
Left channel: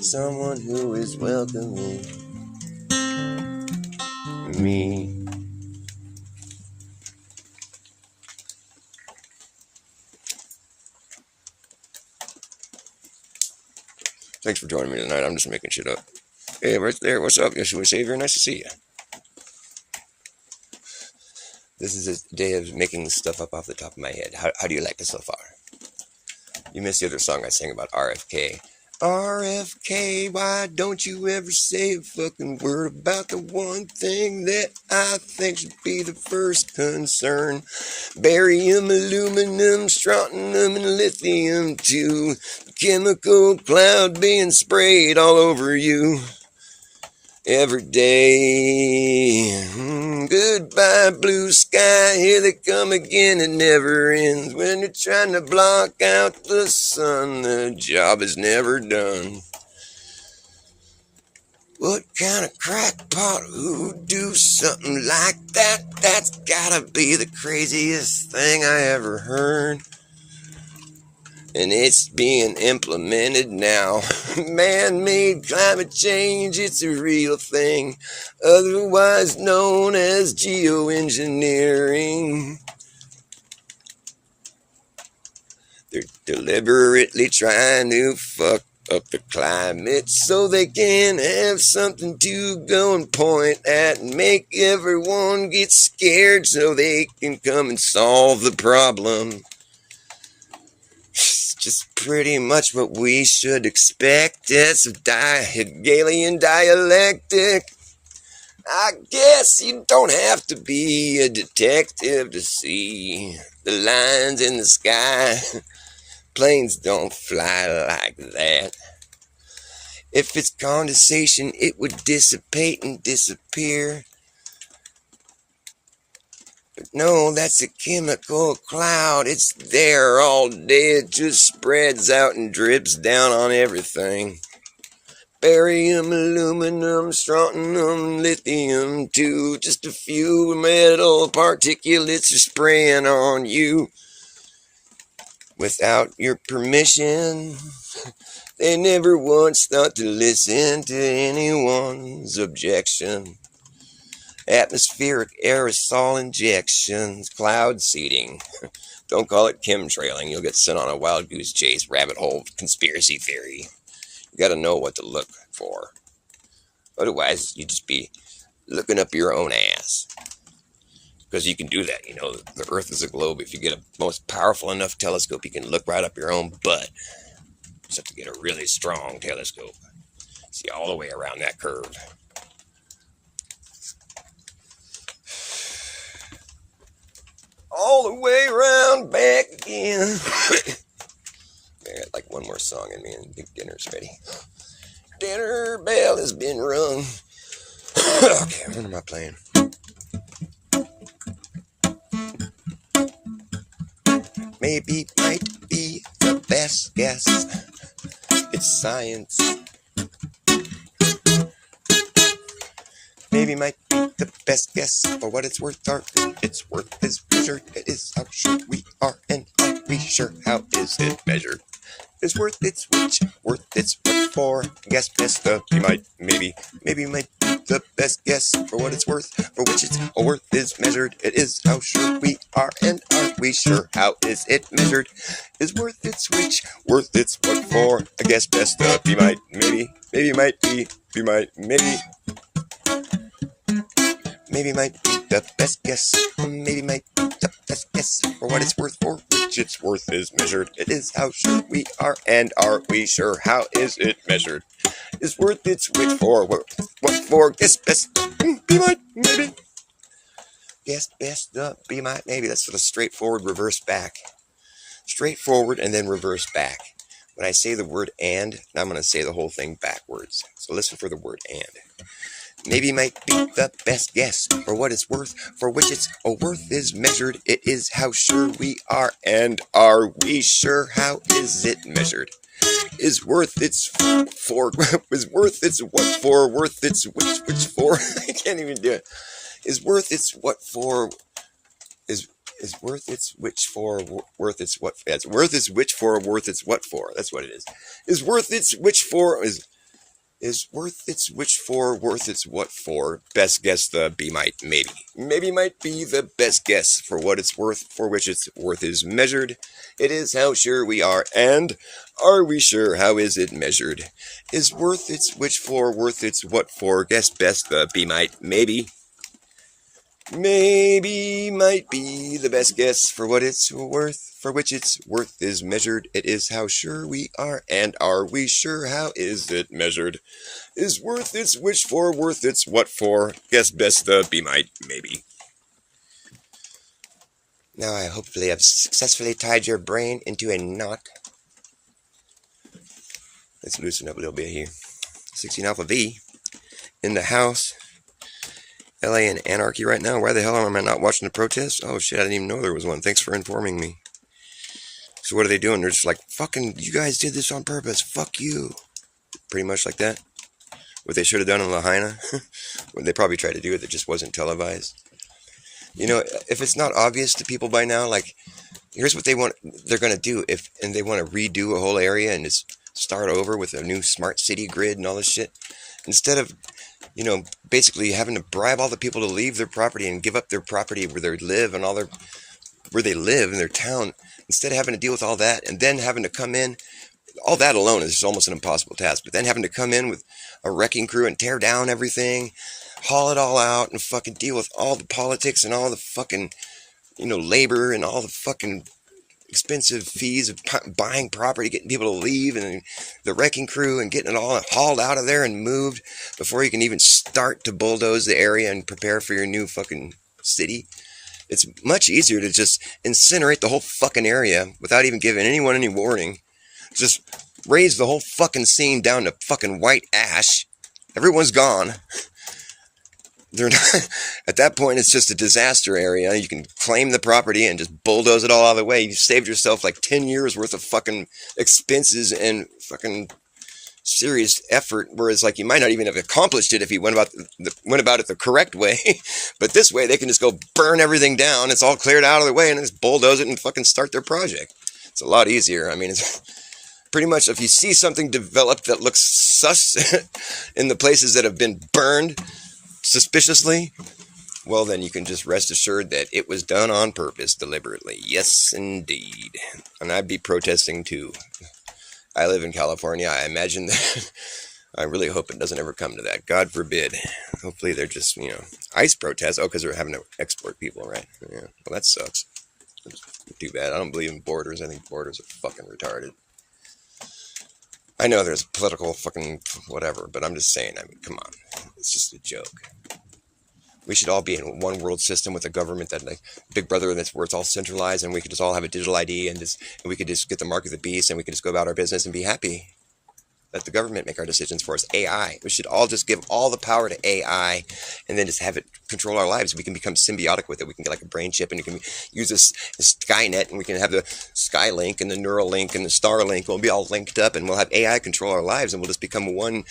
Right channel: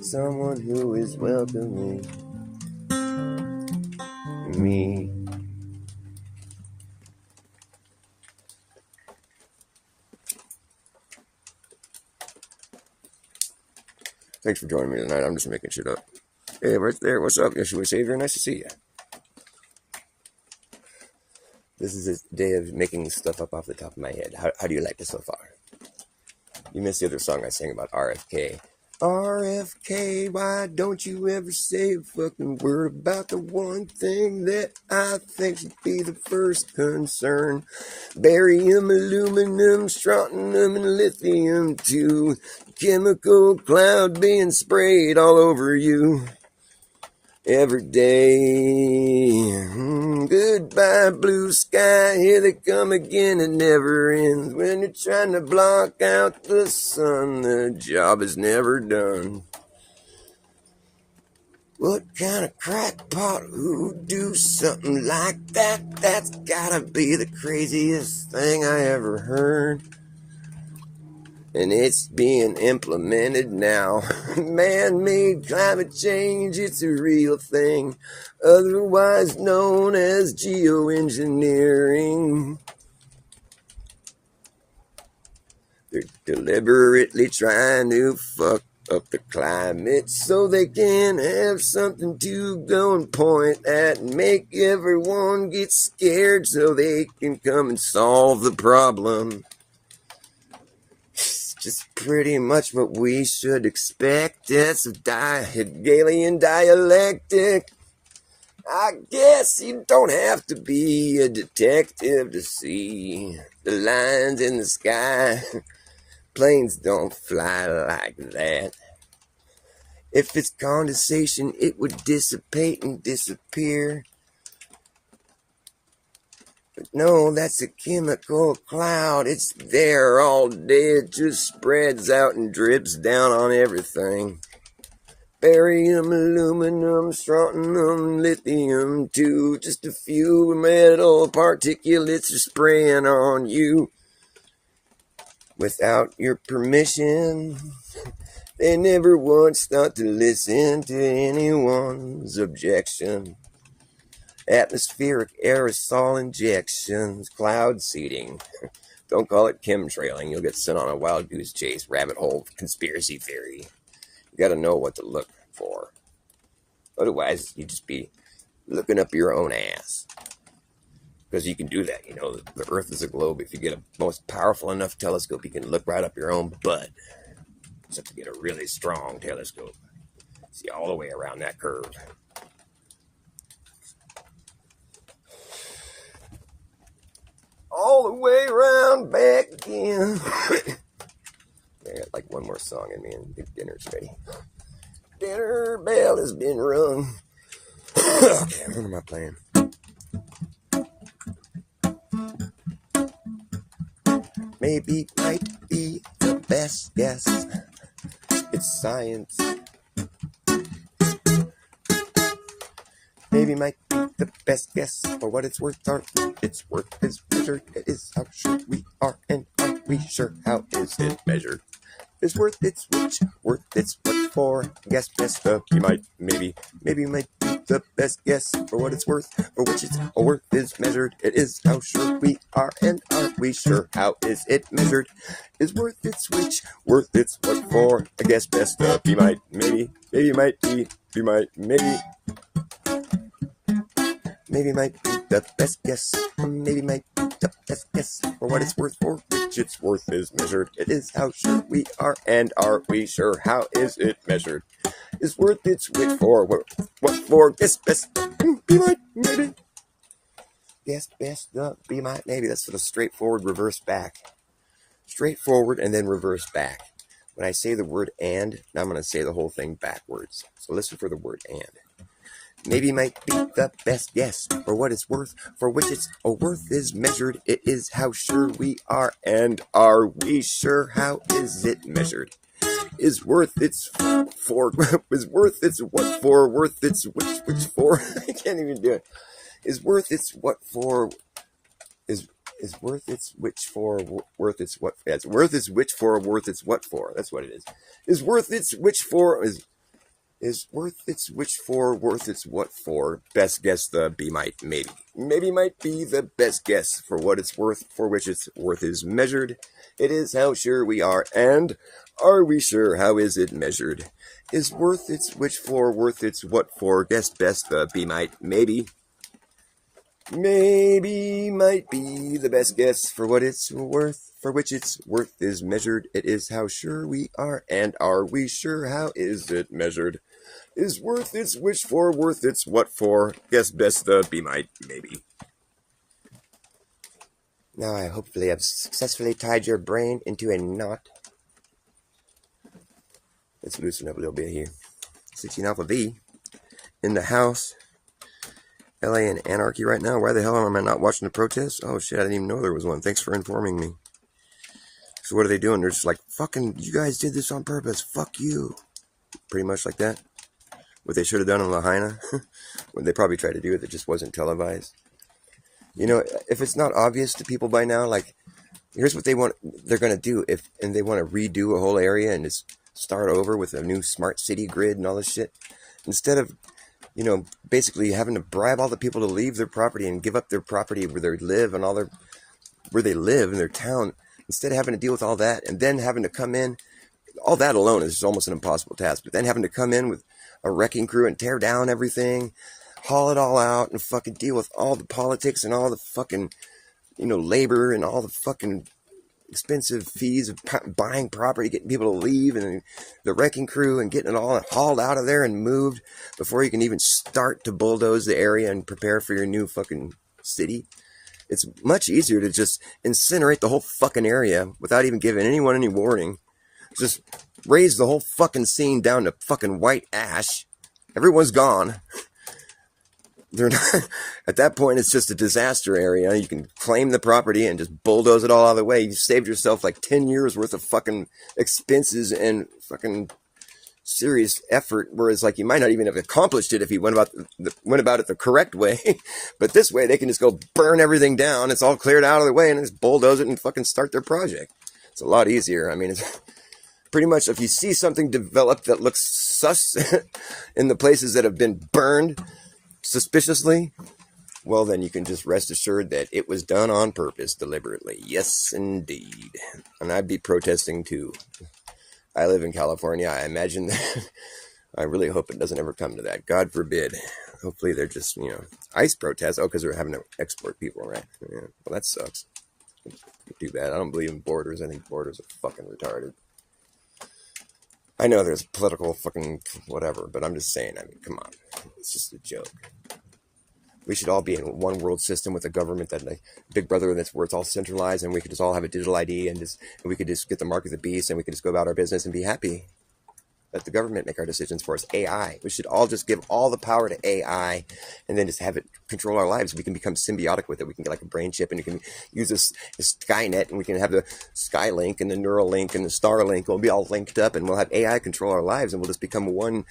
someone who is welcoming me. Thanks for joining me tonight. I'm just making shit up. Hey, right there. What's up, Yeshua Savior? Nice to see you. This is a day of making stuff up off the top of my head. How do you like it so far? You missed the other song I sang about RFK. RFK, why don't you ever say a fucking word about the one thing that I think should be the first concern? Barium, aluminum, strontium, and lithium too. Chemical cloud being sprayed all over you every day. Goodbye, blue sky, here they come again. It never ends. When you're trying to block out the sun, the job is never done. What kind of crackpot who'd do something like that? That's gotta be the craziest thing I ever heard. And it's being implemented now. Man-made climate change, it's a real thing, otherwise known as geoengineering. They're deliberately trying to fuck up the climate so they can have something to go and point at and make everyone get scared so they can come and solve the problem. Just pretty much what we should expect. That's a Hegelian dialectic. I guess you don't have to be a detective to see the lines in the sky. Planes don't fly like that. If it's condensation, it would dissipate and disappear. No, that's a chemical cloud. It's there all day. It just spreads out and drips down on everything. Barium, aluminum, strontium, lithium too. Just a few metal particulates are spraying on you without your permission. They never once thought to listen to anyone's objection. Atmospheric aerosol injections, cloud seeding. Don't call it chemtrailing. You'll get sent on a wild goose chase, rabbit hole, conspiracy theory. You gotta know what to look for. Otherwise, you just be looking up your own ass. Because you can do that, you know. The Earth is a globe. If you get a most powerful enough telescope, you can look right up your own butt. Just have to get a really strong telescope. See all the way around that curve. All the way around back again. I got like one more song in me and dinner's ready. Dinner bell has been rung. Okay, what am I playing? Maybe might be the best guess. It's science. Maybe might be the best guess for what it's worth. Its worth is measured. It is how sure we are, and are we sure? How is it measured? Is worth its which, worth its what for? Guess best you might, maybe might be the best guess for what it's worth, for which its worth is measured. It is how sure we are, and are we sure? How is it measured? Is worth its which, worth its what for? I guess best you might, maybe might be might, maybe might be the best guess. Maybe might be the best guess for what it's worth, for which its worth is measured. It is how sure we are, and are we sure? How is it measured? Is worth its which for what for? Guess best be might, maybe. Guess best be might, maybe. That's sort of straightforward reverse back. Straightforward and then reverse back. When I say the word and, now I'm going to say the whole thing backwards. So listen for the word and. Maybe might be the best guess for what it's worth, for which its worth is measured. It is how sure we are, and are we sure? How is it measured? Is worth its for, is worth its what for, worth its which for? I can't even do it. Is worth its what for, is worth its which for, worth its what? It's worth its which for, worth its what for. That's what it is. Is worth its which for, is worth its which for, worth its what for? Best guess the be might, maybe. Maybe might be the best guess for what it's worth, for which its worth is measured. It is how sure we are, and are we sure? How is it measured? Is worth its which for, worth its what for? Guess best the be might, maybe. Maybe might be the best guess for what it's worth, for which its worth is measured. It is how sure we are, and are we sure? How is it measured? Is worth its which for, worth its what for? Guess best the be might, maybe. Now I hopefully have successfully tied your brain into a knot. Let's loosen up a little bit here. 16 Alpha V in the house. LA in anarchy right now. Why the hell am I not watching the protests? Oh shit, I didn't even know there was one. Thanks for informing me. So what are they doing? They're just like, fucking, you guys did this on purpose. Fuck you. Pretty much like that. What they should have done in Lahaina. Well, they probably tried to do it. That just wasn't televised. You know, if it's not obvious to people by now, like, here's what they're going to do. And they want to redo a whole area and just start over with a new smart city grid and all this shit. Instead of, you know, basically having to bribe all the people to leave their property and give up their property where they live and where they live in their town, instead of having to deal with all that and then having to come in, all that alone is almost an impossible task. But then having to come in with a wrecking crew and tear down everything, haul it all out and fucking deal with all the politics and all the fucking, you know, labor and all the fucking expensive fees of buying property, getting people to leave, and the wrecking crew, and getting it all hauled out of there and moved before you can even start to bulldoze the area and prepare for your new fucking city. It's much easier to just incinerate the whole fucking area without even giving anyone any warning. Just raise the whole fucking scene down to fucking white ash. Everyone's gone. They're not, at that point, it's just a disaster area. You can claim the property and just bulldoze it all out of the way. You've saved yourself like 10 years worth of fucking expenses and fucking serious effort. Whereas, like, you might not even have accomplished it if you went about it the correct way. But this way, they can just go burn everything down. It's all cleared out of the way and just bulldoze it and fucking start their project. It's a lot easier. I mean, it's pretty much if you see something develop that looks sus in the places that have been burned suspiciously, well, then you can just rest assured that it was done on purpose, deliberately. Yes, indeed. And I'd be protesting too. I live in California. I imagine that I really hope it doesn't ever come to that. God forbid. Hopefully they're just, ICE protests. Oh, because they're having to export people, right? Yeah. Well, that sucks. Too bad. I don't believe in borders. I think borders are fucking retarded. I know there's political fucking whatever, but I'm just saying, come on. It's just a joke. We should all be in one world system with a government that, like, Big Brother, that's where it's all centralized, and we could just all have a digital ID, and we could just get the mark of the beast, and we could just go about our business and be happy. Let the government make our decisions for us. AI. We should all just give all the power to AI and then just have it control our lives. We can become symbiotic with it. We can get like a brain chip and you can use this Skynet and we can have the Skylink and the Neuralink and the Starlink. We'll be all linked up and we'll have AI control our lives and we'll just become one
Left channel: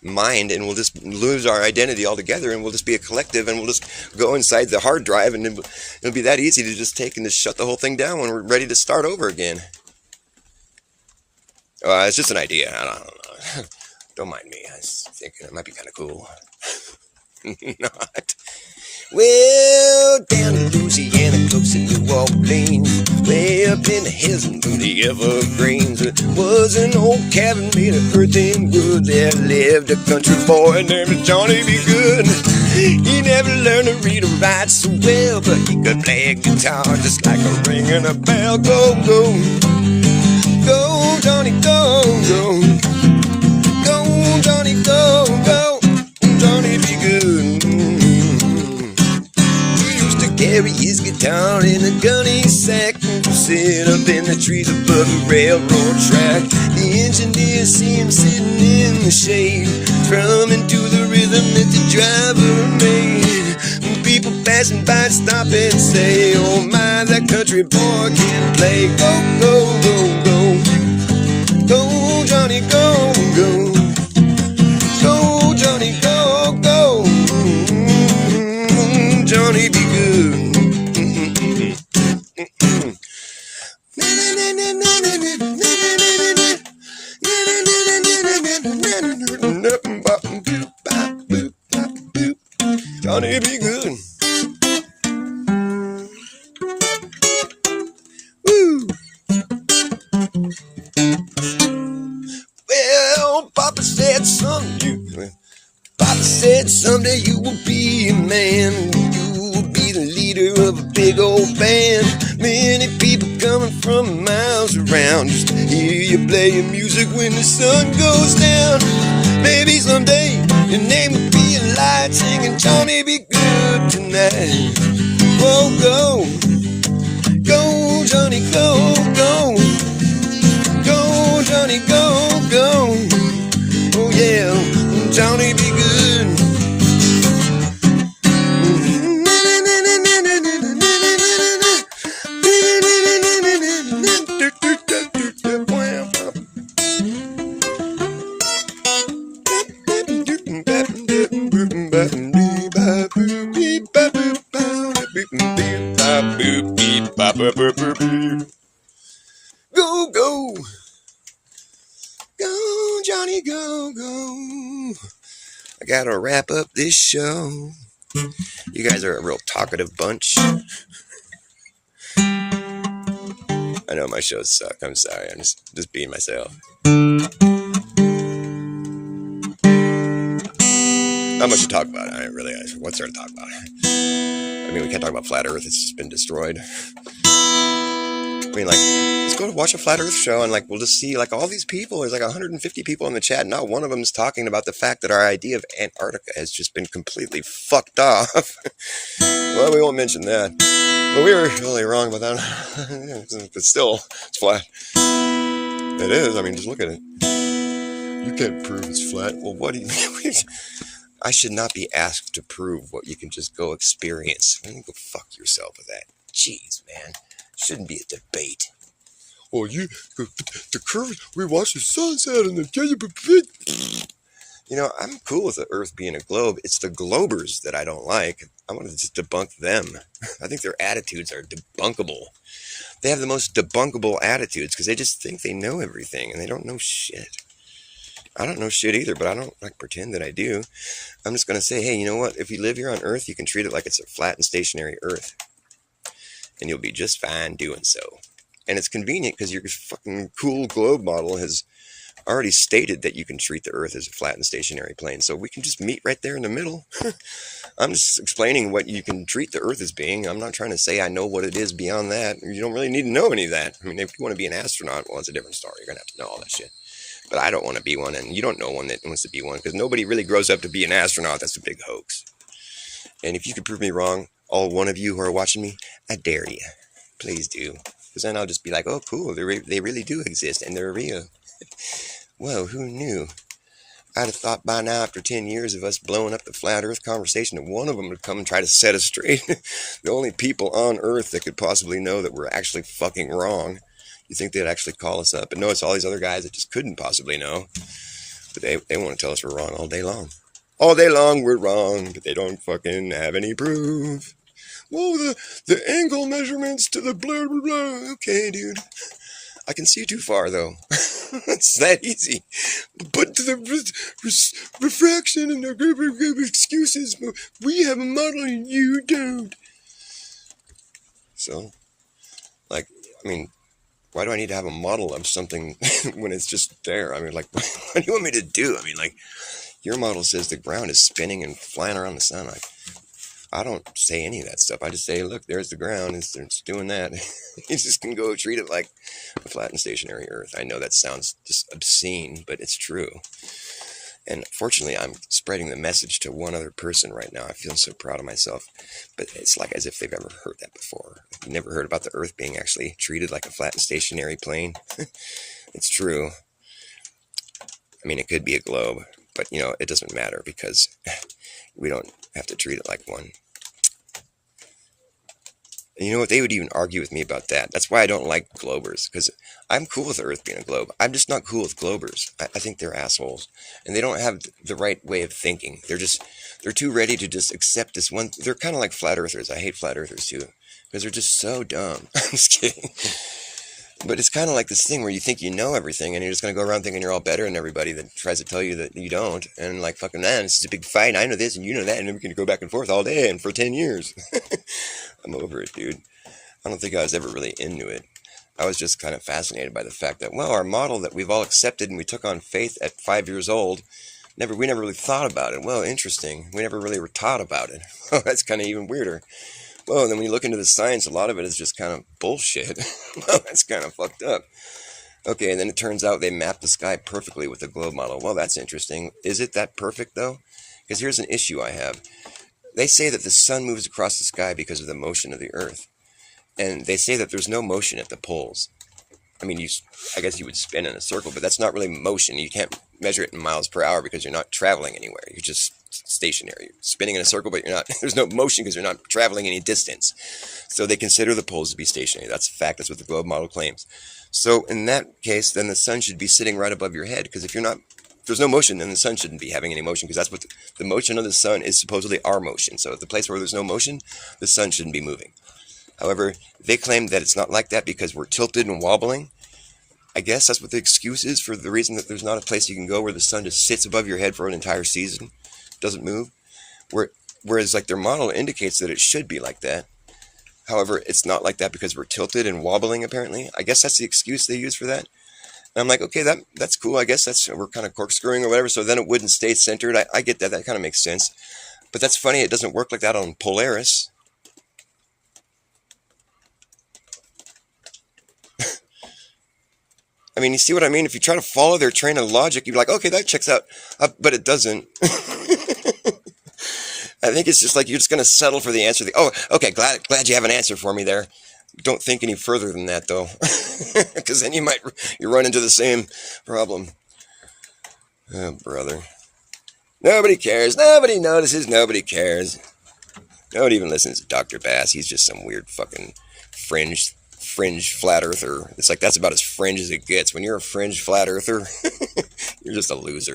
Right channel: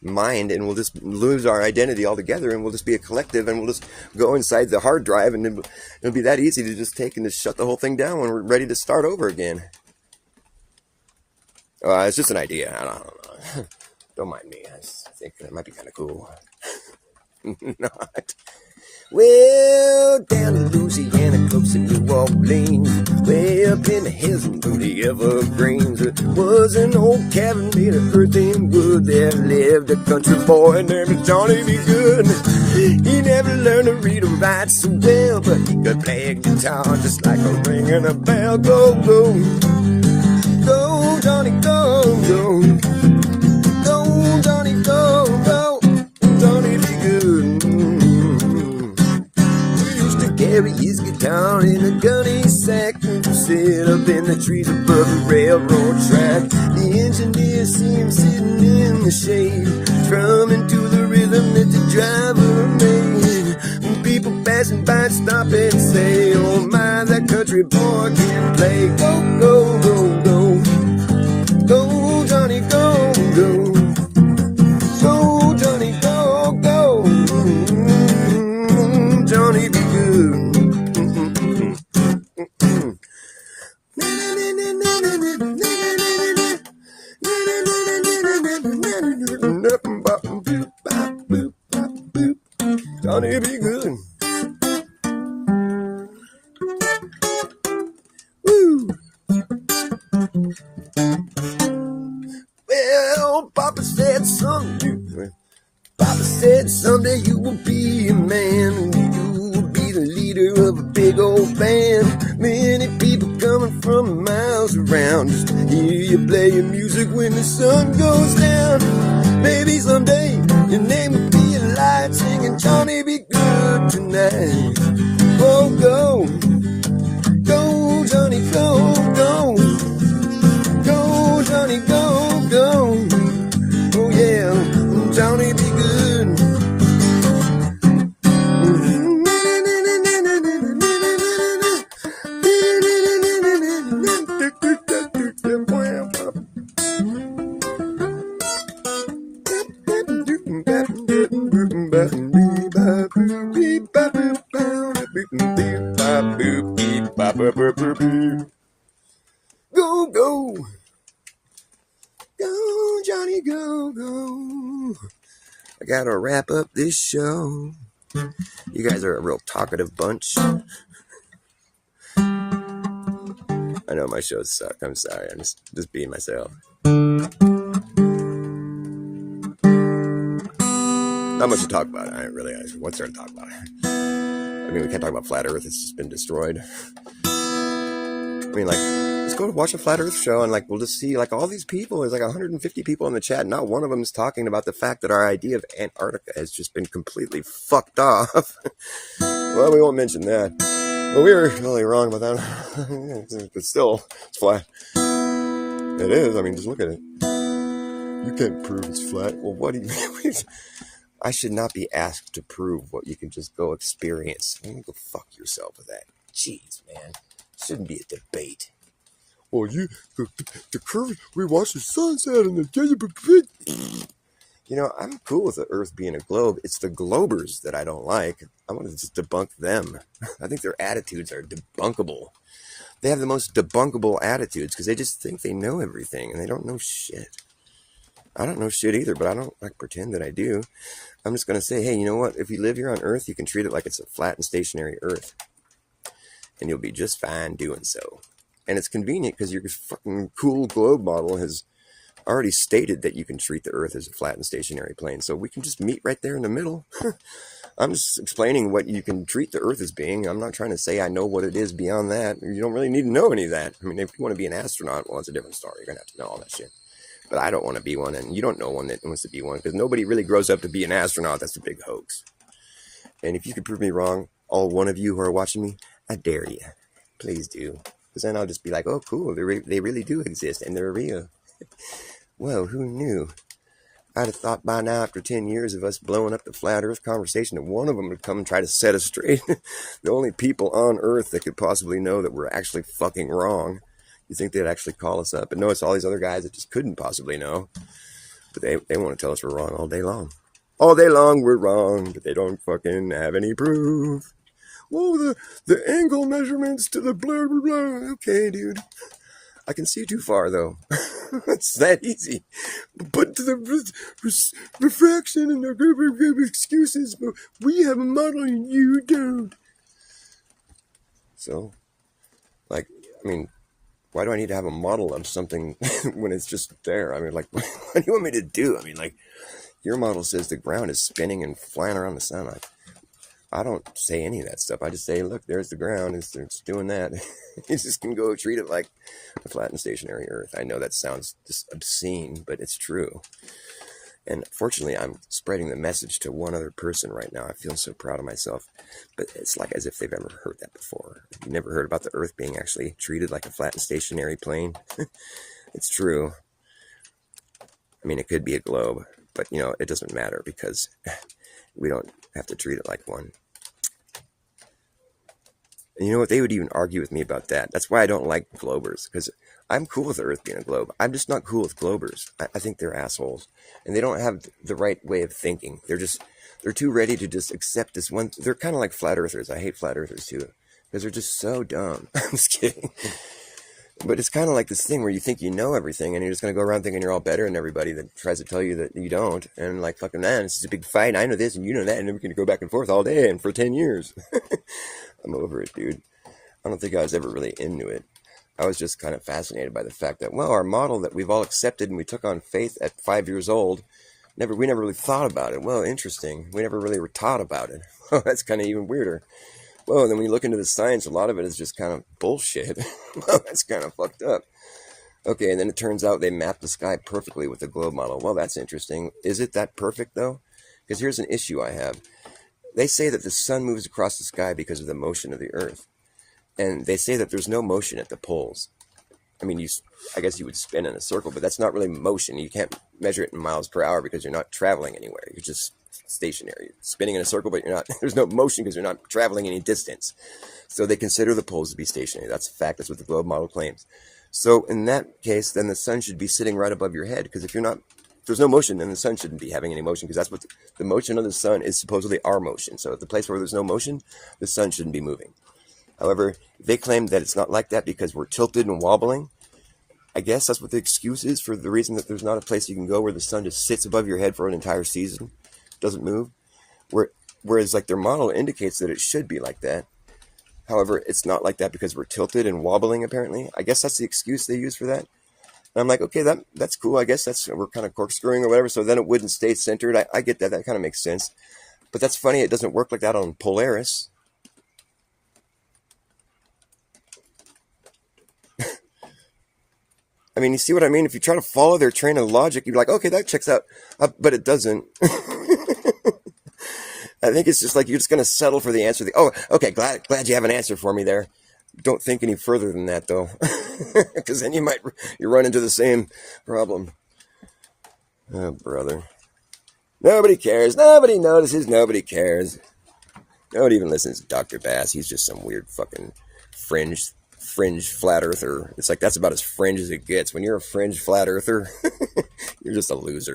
mind and we'll just lose our identity altogether and we'll just be a collective and we'll just go inside the hard drive and it'll be that easy to just take and just shut the whole thing down when we're ready to start over again. It's just an idea. I don't know. Don't mind me. I was thinking it might be kind of cool. Not. Well, down in Louisiana, close to New Orleans, way up in the hills and the evergreens, was an old cabin made of earth and wood. There lived a country boy named Johnny B. Good. He never learned to read or write so well, but he could play a guitar just like a ringing a bell. Go, go. Go, Johnny, go, go. Go, Johnny, go, go. Johnny be good. He used to carry his guitar in a gunny sack and sit up in the trees above the railroad track. The engineers see him sitting in the shade, drumming to the rhythm that the driver made. People passing by stop and say, oh my, that country boy can play. Go, go, go, go. Go, Johnny, go, go. Go, Johnny, go, go. Johnny be good. Johnny be good. Woo. Well, Papa said someday you will be a man. You will be the leader of a big old band. Many people coming from miles around just to hear you play your music when the sun goes down. Maybe someday your name will be a light singing Johnny be good tonight. Oh, go. Go, Johnny, go, go. Go, Johnny, go, go. Oh, yeah, Johnny be good. Go, go. Go, Johnny, go, go. I gotta wrap up this show. You guys are a real talkative bunch. I know my shows suck. I'm sorry. I'm just being myself. Not much to talk about. I really. What's there to talk about? I mean, we can't talk about Flat Earth. It's just been destroyed. I mean, like, let's go to watch a Flat Earth show and, like, we'll just see, like, all these people. There's, like, 150 people in the chat. Not one of them is talking about the fact that our idea of Antarctica has just been completely fucked off. Well, we won't mention that. But we were really wrong about that. But still, it's flat. It is. I mean, just look at it. You can't prove it's flat. Well, what do you mean? I should not be asked to prove what you can just go experience. Go fuck yourself with that. Jeez, man. Shouldn't be a debate. Well, the curve, we watch the sunset and the... You know, I'm cool with the Earth being a globe. It's the globers that I don't like. I want to just debunk them. I think their attitudes are debunkable. They have the most debunkable attitudes because they just think they know everything and they don't know shit. I don't know shit either, but I don't like pretend that I do. I'm just going to say, hey, you know what? If you live here on Earth, you can treat it like it's a flat and stationary Earth. And you'll be just fine doing so. And it's convenient because your fucking cool globe model has already stated that you can treat the Earth as a flat and stationary plane, so we can just meet right there in the middle. I'm just explaining what you can treat the Earth as being. I'm not trying to say I know what it is beyond that. You don't really need to know any of that. I mean, if you want to be an astronaut, well, it's a different story. You're going to have to know all that shit. But I don't want to be one, and you don't know one that wants to be one, because nobody really grows up to be an astronaut. That's a big hoax. And if you could prove me wrong, all one of you who are watching me, I dare you. Please do. Because then I'll just be like, oh, cool, they really do exist, and they're real. Well, who knew? I'd have thought by now, after 10 years of us blowing up the flat Earth conversation, that one of them would come and try to set us straight. The only people on Earth that could possibly know that we're actually fucking wrong. You think they'd actually call us up? And no, it's all these other guys that just couldn't possibly know. But they want to tell us we're wrong all day long. All day long we're wrong, but they don't fucking have any proof. Whoa, the angle measurements to the blah, blah, blah. Okay, dude. I can see too far, though. It's that easy. But to the refraction and the excuses, we have a model and you don't. So, like, I mean, why do I need to have a model of something when it's just there? I mean, like, what do you want me to do? I mean, like, your model says the ground is spinning and flying around the sun. I don't say any of that stuff. I just say, look, there's the ground. It's doing that. You just can go treat it like a flat and stationary Earth. I know that sounds just obscene, but it's true. And fortunately, I'm spreading the message to one other person right now. I feel so proud of myself. But it's like as if they've ever heard that before. You've never heard about the Earth being actually treated like a flat and stationary plane? It's true. I mean, it could be a globe, but, you know, it doesn't matter because we don't have to treat it like one. And you know what? They would even argue with me about that. That's why I don't like globers, because I'm cool with the Earth being a globe. I'm just not cool with globers. I think they're assholes, and they don't have the right way of thinking. They're too ready to just accept this one. They're kind of like flat earthers. I hate flat earthers too, because they're just so dumb. I'm just kidding. But it's kind of like this thing where you think you know everything, and you're just going to go around thinking you're all better than everybody that tries to tell you that you don't. And like, fucking, man, this is a big fight. I know this, and you know that, and then we're going to go back and forth all day and for 10 years. I'm over it, dude. I don't think I was ever really into it. I was just kind of fascinated by the fact that, well, our model that we've all accepted and we took on faith at 5 years old, we never really thought about it. Well, interesting. We never really were taught about it. Oh, that's kind of even weirder. Well, and then when you look into the science, a lot of it is just kind of bullshit. Well, that's kind of fucked up. Okay, and then it turns out they mapped the sky perfectly with the globe model. Well, that's interesting. Is it that perfect, though? Because here's an issue I have. They say that the sun moves across the sky because of the motion of the Earth. And they say that there's no motion at the poles. I mean, I guess you would spin in a circle, but that's not really motion. You can't measure it in miles per hour because you're not traveling anywhere. You're just stationary. You're spinning in a circle, but you're not. There's no motion because you're not traveling any distance. So they consider the poles to be stationary. That's a fact. That's what the globe model claims. So in that case, then the sun should be sitting right above your head, because if there's no motion, then the sun shouldn't be having any motion, because that's what the motion of the sun is supposedly our motion. So at the place where there's no motion, the sun shouldn't be moving. However, they claim that it's not like that because we're tilted and wobbling. I guess that's what the excuse is for the reason that there's not a place you can go where the sun just sits above your head for an entire season, doesn't move. Whereas like their model indicates that it should be like that. However, it's not like that because we're tilted and wobbling, apparently. I guess that's the excuse they use for that. And I'm like, okay, that's cool. I guess we're kind of corkscrewing or whatever, so then it wouldn't stay centered. I get that. That kind of makes sense. But that's funny. It doesn't work like that on Polaris. I mean, you see what I mean? If you try to follow their train of logic, you're like, okay, that checks out. But it doesn't. I think it's just like you're just going to settle for the answer. Oh, okay, glad you have an answer for me there. Don't think any further than that, though. Because then you run into the same problem. Oh, brother. Nobody cares. Nobody notices. Nobody cares. Nobody even listens to Dr. Bass. He's just some weird fucking fringe flat earther. It's like that's about as fringe as it gets. When you're a fringe flat earther, you're just a loser.